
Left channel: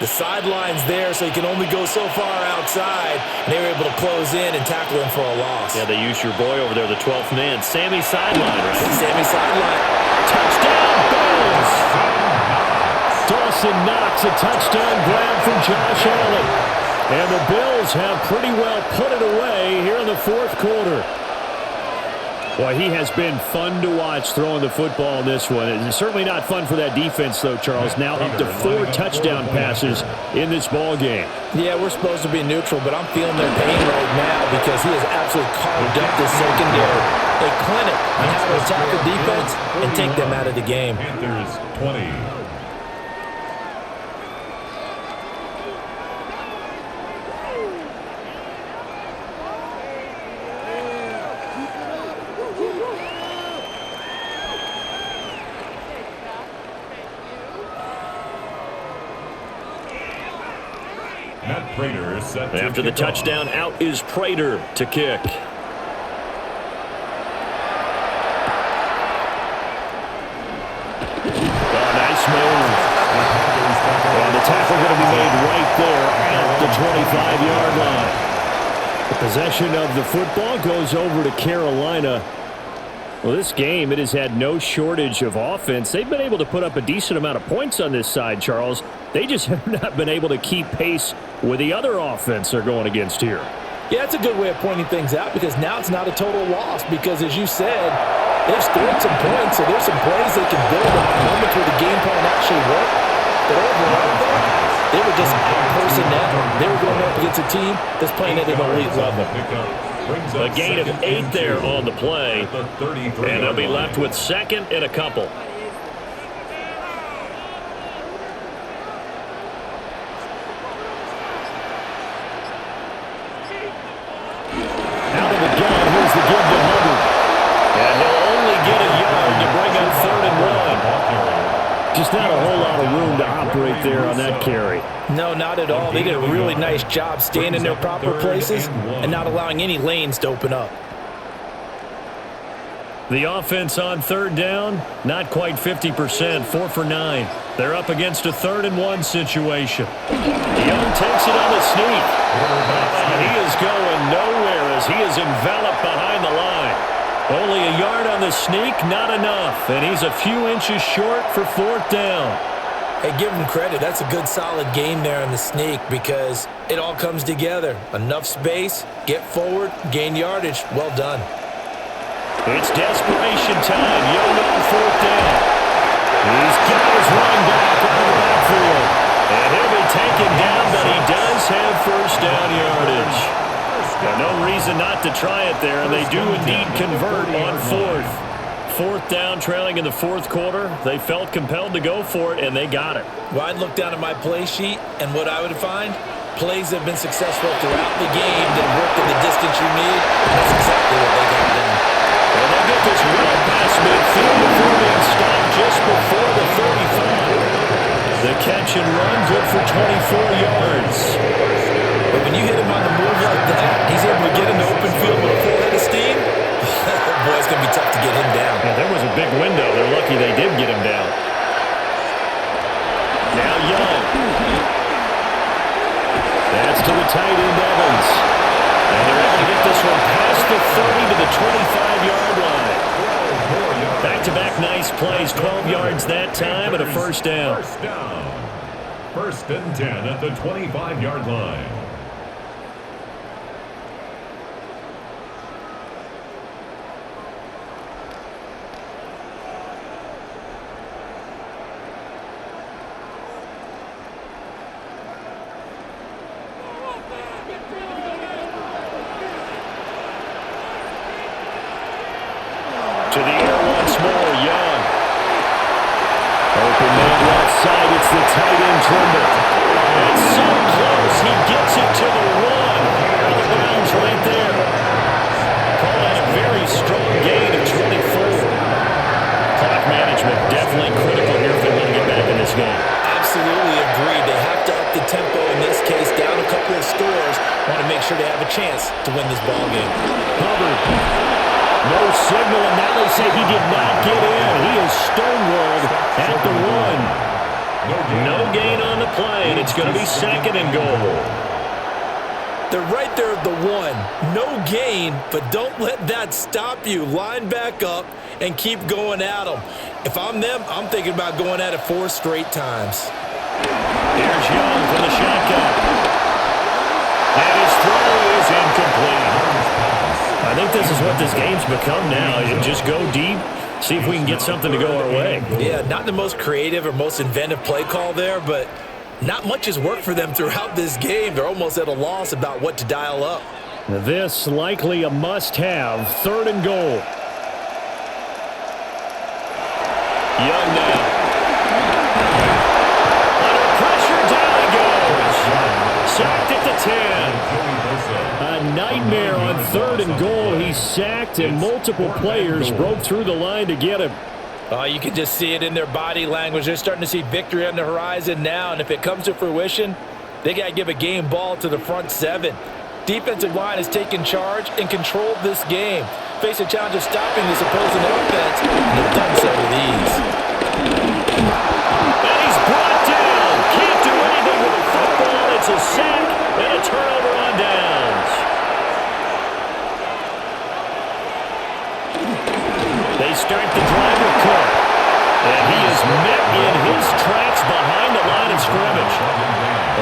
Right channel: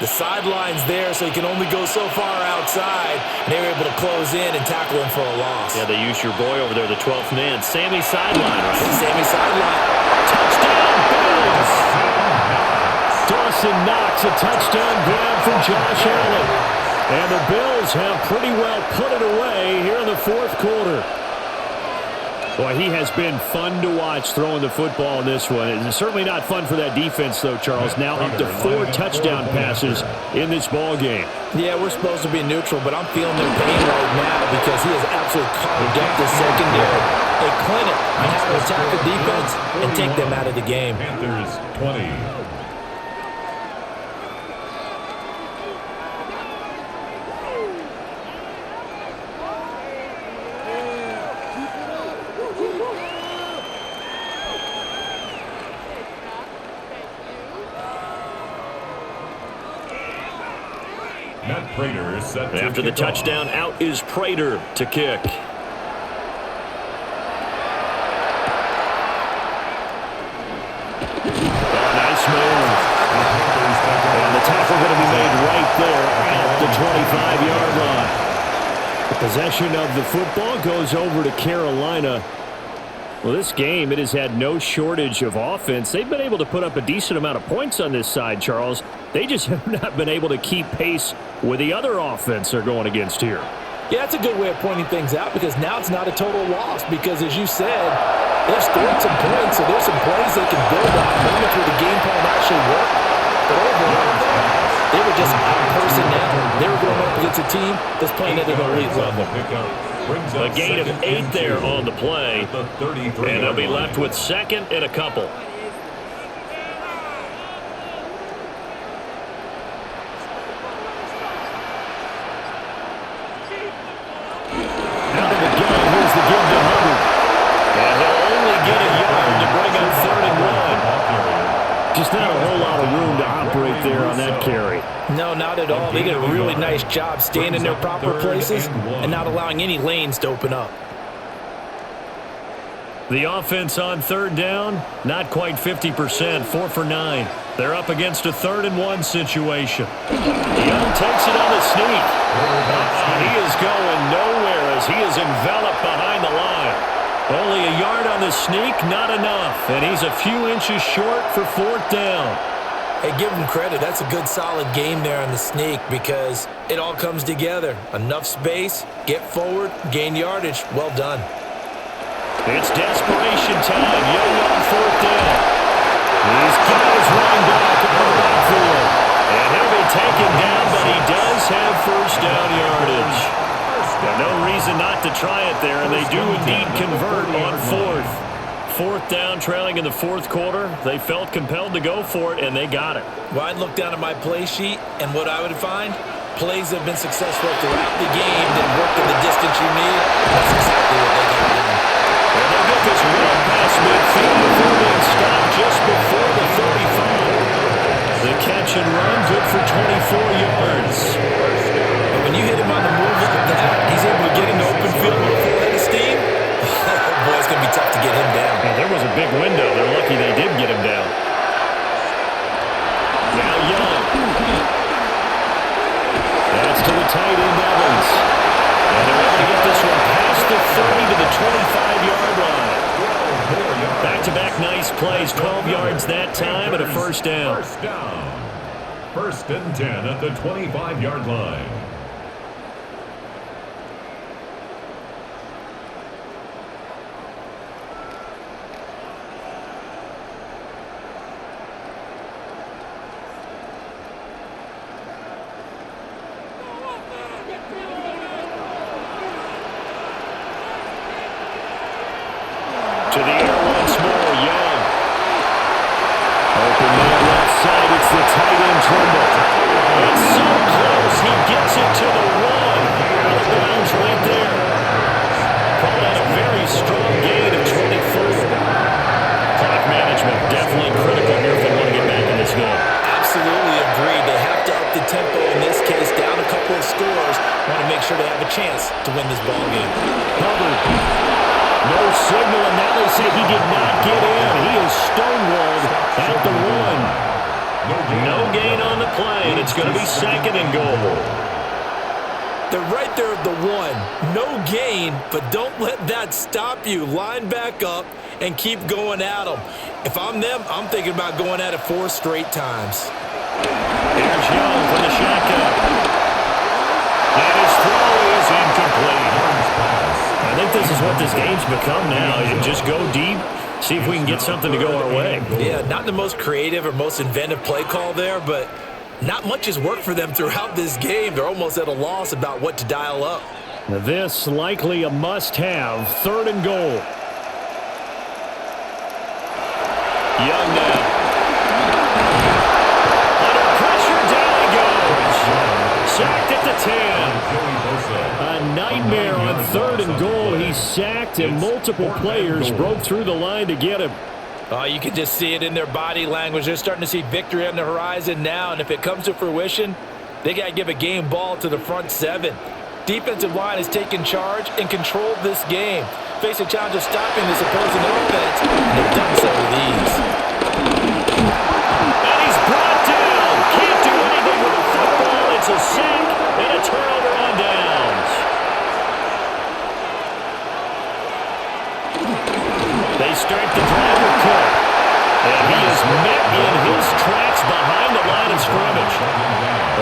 The sideline's there, so you can only go so far outside. And they were able to close in and tackle him for a loss. Yeah, they used your boy over there, the 12th man. Sammy sideline, right? Sammy sideline. Touchdown, Bills! Dawson Knox, a touchdown grab from Josh Allen. And the Bills have pretty well put it away here in the fourth quarter. Boy, he has been fun to watch throwing the football in this one. It's certainly not fun for that defense, though, Charles. Now up to 4 touchdown passes in this ball game. Yeah, we're supposed to be neutral, but I'm feeling their pain right now because he has absolutely carved up the secondary. A clinic on how to attack a defense and take them out of the game. Panthers 20. After the touchdown, out is Prater to kick. Oh, nice move. And the tackle going to be made right there at the 25-yard line. The possession of the football goes over to Carolina. Well, this game, it has had no shortage of offense. They've been able to put up a decent amount of points on this side, Charles. They just have not been able to keep pace with the other offense they're going against here. Yeah, that's a good way of pointing things out because now it's not a total loss because, as you said, they've scored some points, so there's some plays they can build on, moments where the game plan actually worked. But overall, though, they were just out-personnel. They were going up against a team that's playing at an elite level. A gain of 8 there on the play, and they'll be left with second and a couple. Out of the gun, here's the give to Hubbard. And he'll only get a yard to bring up 3rd and 1. Just not a whole lot of room to operate there on that carry. No, not at all. They did a really nice job staying in their proper places and not allowing any lanes to open up. The offense on 3rd down, not quite 50%, 4 for 9. They're up against a 3rd and 1 situation. Young takes it on the sneak. He is going nowhere as he is enveloped behind the line. Only a yard on the sneak, not enough. And he's a few inches short for 4th down. Hey, give him credit. That's a good, solid game there on the sneak because it all comes together. Enough space, get forward, gain yardage. Well done. It's desperation time. Young on 4th down. He's got his running back out of the backfield. And he'll be taken down, but he does have 1st down yardage. No reason not to try it there, and they do indeed convert on 4th. 4th down, trailing in the 4th quarter. They felt compelled to go for it, and they got it. Well, I'd look down at my play sheet, and what I would find, plays that have been successful throughout the game that have worked in the distance you need. That's exactly what they got done. And they'll get this well past midfield before being stopped just before the 35. The catch and run, good for 24 yards. But when you hit him on the move like that, he's able to get into open field with a full head of steam. Oh, boy, it's going to be tough to get him down. Yeah, there was a big window. They're lucky they did get him down. Now Young. That's to the tight end, Evans. And they're able to get this one past the 30 to the 25-yard line. Back-to-back nice plays, 12 yards that time and a 1st down. 1st down. 1st and 10 at the 25-yard line. To the air once more, Young. Open man left side, it's the tight end Trimble. It's so close, he gets it to the 1. Out of bounds right there. Call that a very strong gain of 24. Clock management definitely critical here if they want to get back in this game. Absolutely agreed. They have to up the tempo in this case, down a couple of scores. Want to make sure they have a chance to win this ball game. Hubbard. No signal, and now they say he did not get in. He is stonewalled at the 1. No gain on the play, and it's going to be 2nd and goal. They're right there at the 1. No gain, but don't let that stop you. Line back up and keep going at them. If I'm them, I'm thinking about going at it 4 straight times. Here's Young from the shotgun. And his throw is incomplete. A I think this is what this game's become now. You just go deep, see if we can get something to go our way. Yeah, not the most creative or most inventive play call there, but not much has worked for them throughout this game. They're almost at a loss about what to dial up. This likely a must-have, 3rd and goal. Young now. Under pressure, down he goes. Sacked at the 10. A nightmare on 3rd and goal. He's sacked, and multiple players broke through the line to get him. You can just see it in their body language. They're starting to see victory on the horizon now, and if it comes to fruition, they got to give a game ball to the front 7. Defensive line has taken charge and controlled this game. Face a challenge of stopping this opposing offense, and they've done so with ease. And he's brought down. Can't do anything with the football. It's a sack and a turnover on downs. They start the drive with Cook. And he is met in his tracks behind the line of scrimmage.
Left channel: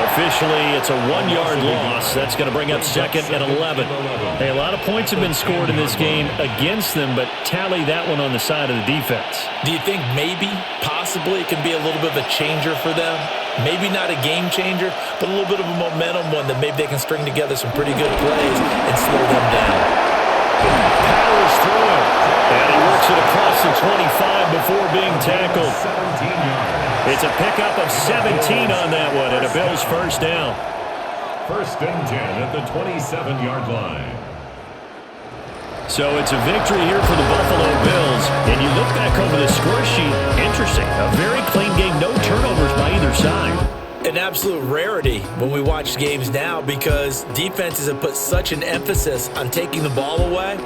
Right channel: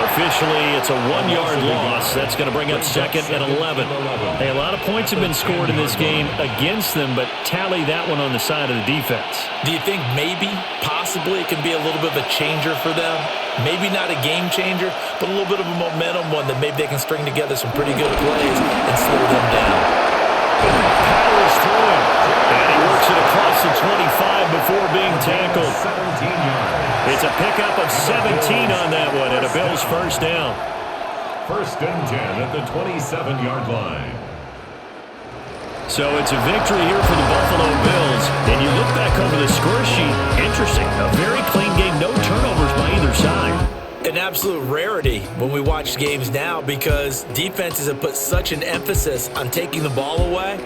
Officially, it's a 1-yard loss. That's going to bring up 2nd and 11. Hey, a lot of points have been scored in this game against them, but tally that one on the side of the defense. Do you think maybe, possibly, it can be a little bit of a changer for them? Maybe not a game changer, but a little bit of a momentum one that maybe they can string together some pretty good plays and slow them down. Powers through him, and he works it across the 25 before being tackled. 17 yards. It's a pickup of 17 on that one, and a Bills first down. 1st and 10 at the 27-yard line. So it's a victory here for the Buffalo Bills. And you look back over the score sheet, interesting. A very clean game, no turnovers by either side. An absolute rarity when we watch games now because defenses have put such an emphasis on taking the ball away.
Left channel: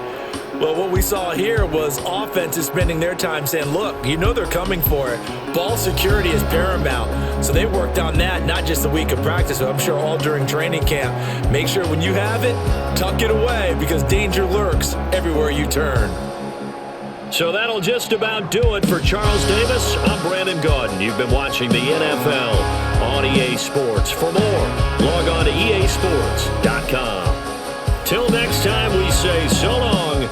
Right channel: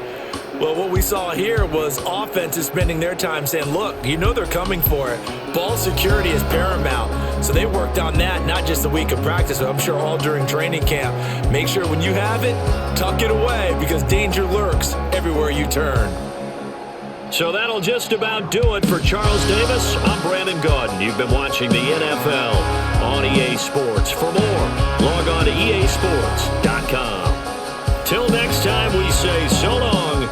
Well, what we saw here was offenses spending their time saying, look, you know they're coming for it. Ball security is paramount. So they worked on that not just a week of practice, but I'm sure all during training camp. Make sure when you have it, tuck it away because danger lurks everywhere you turn. So that'll just about do it for Charles Davis. I'm Brandon Gaudin. You've been watching the NFL on EA Sports. For more, log on to easports.com. Till next time, we say so long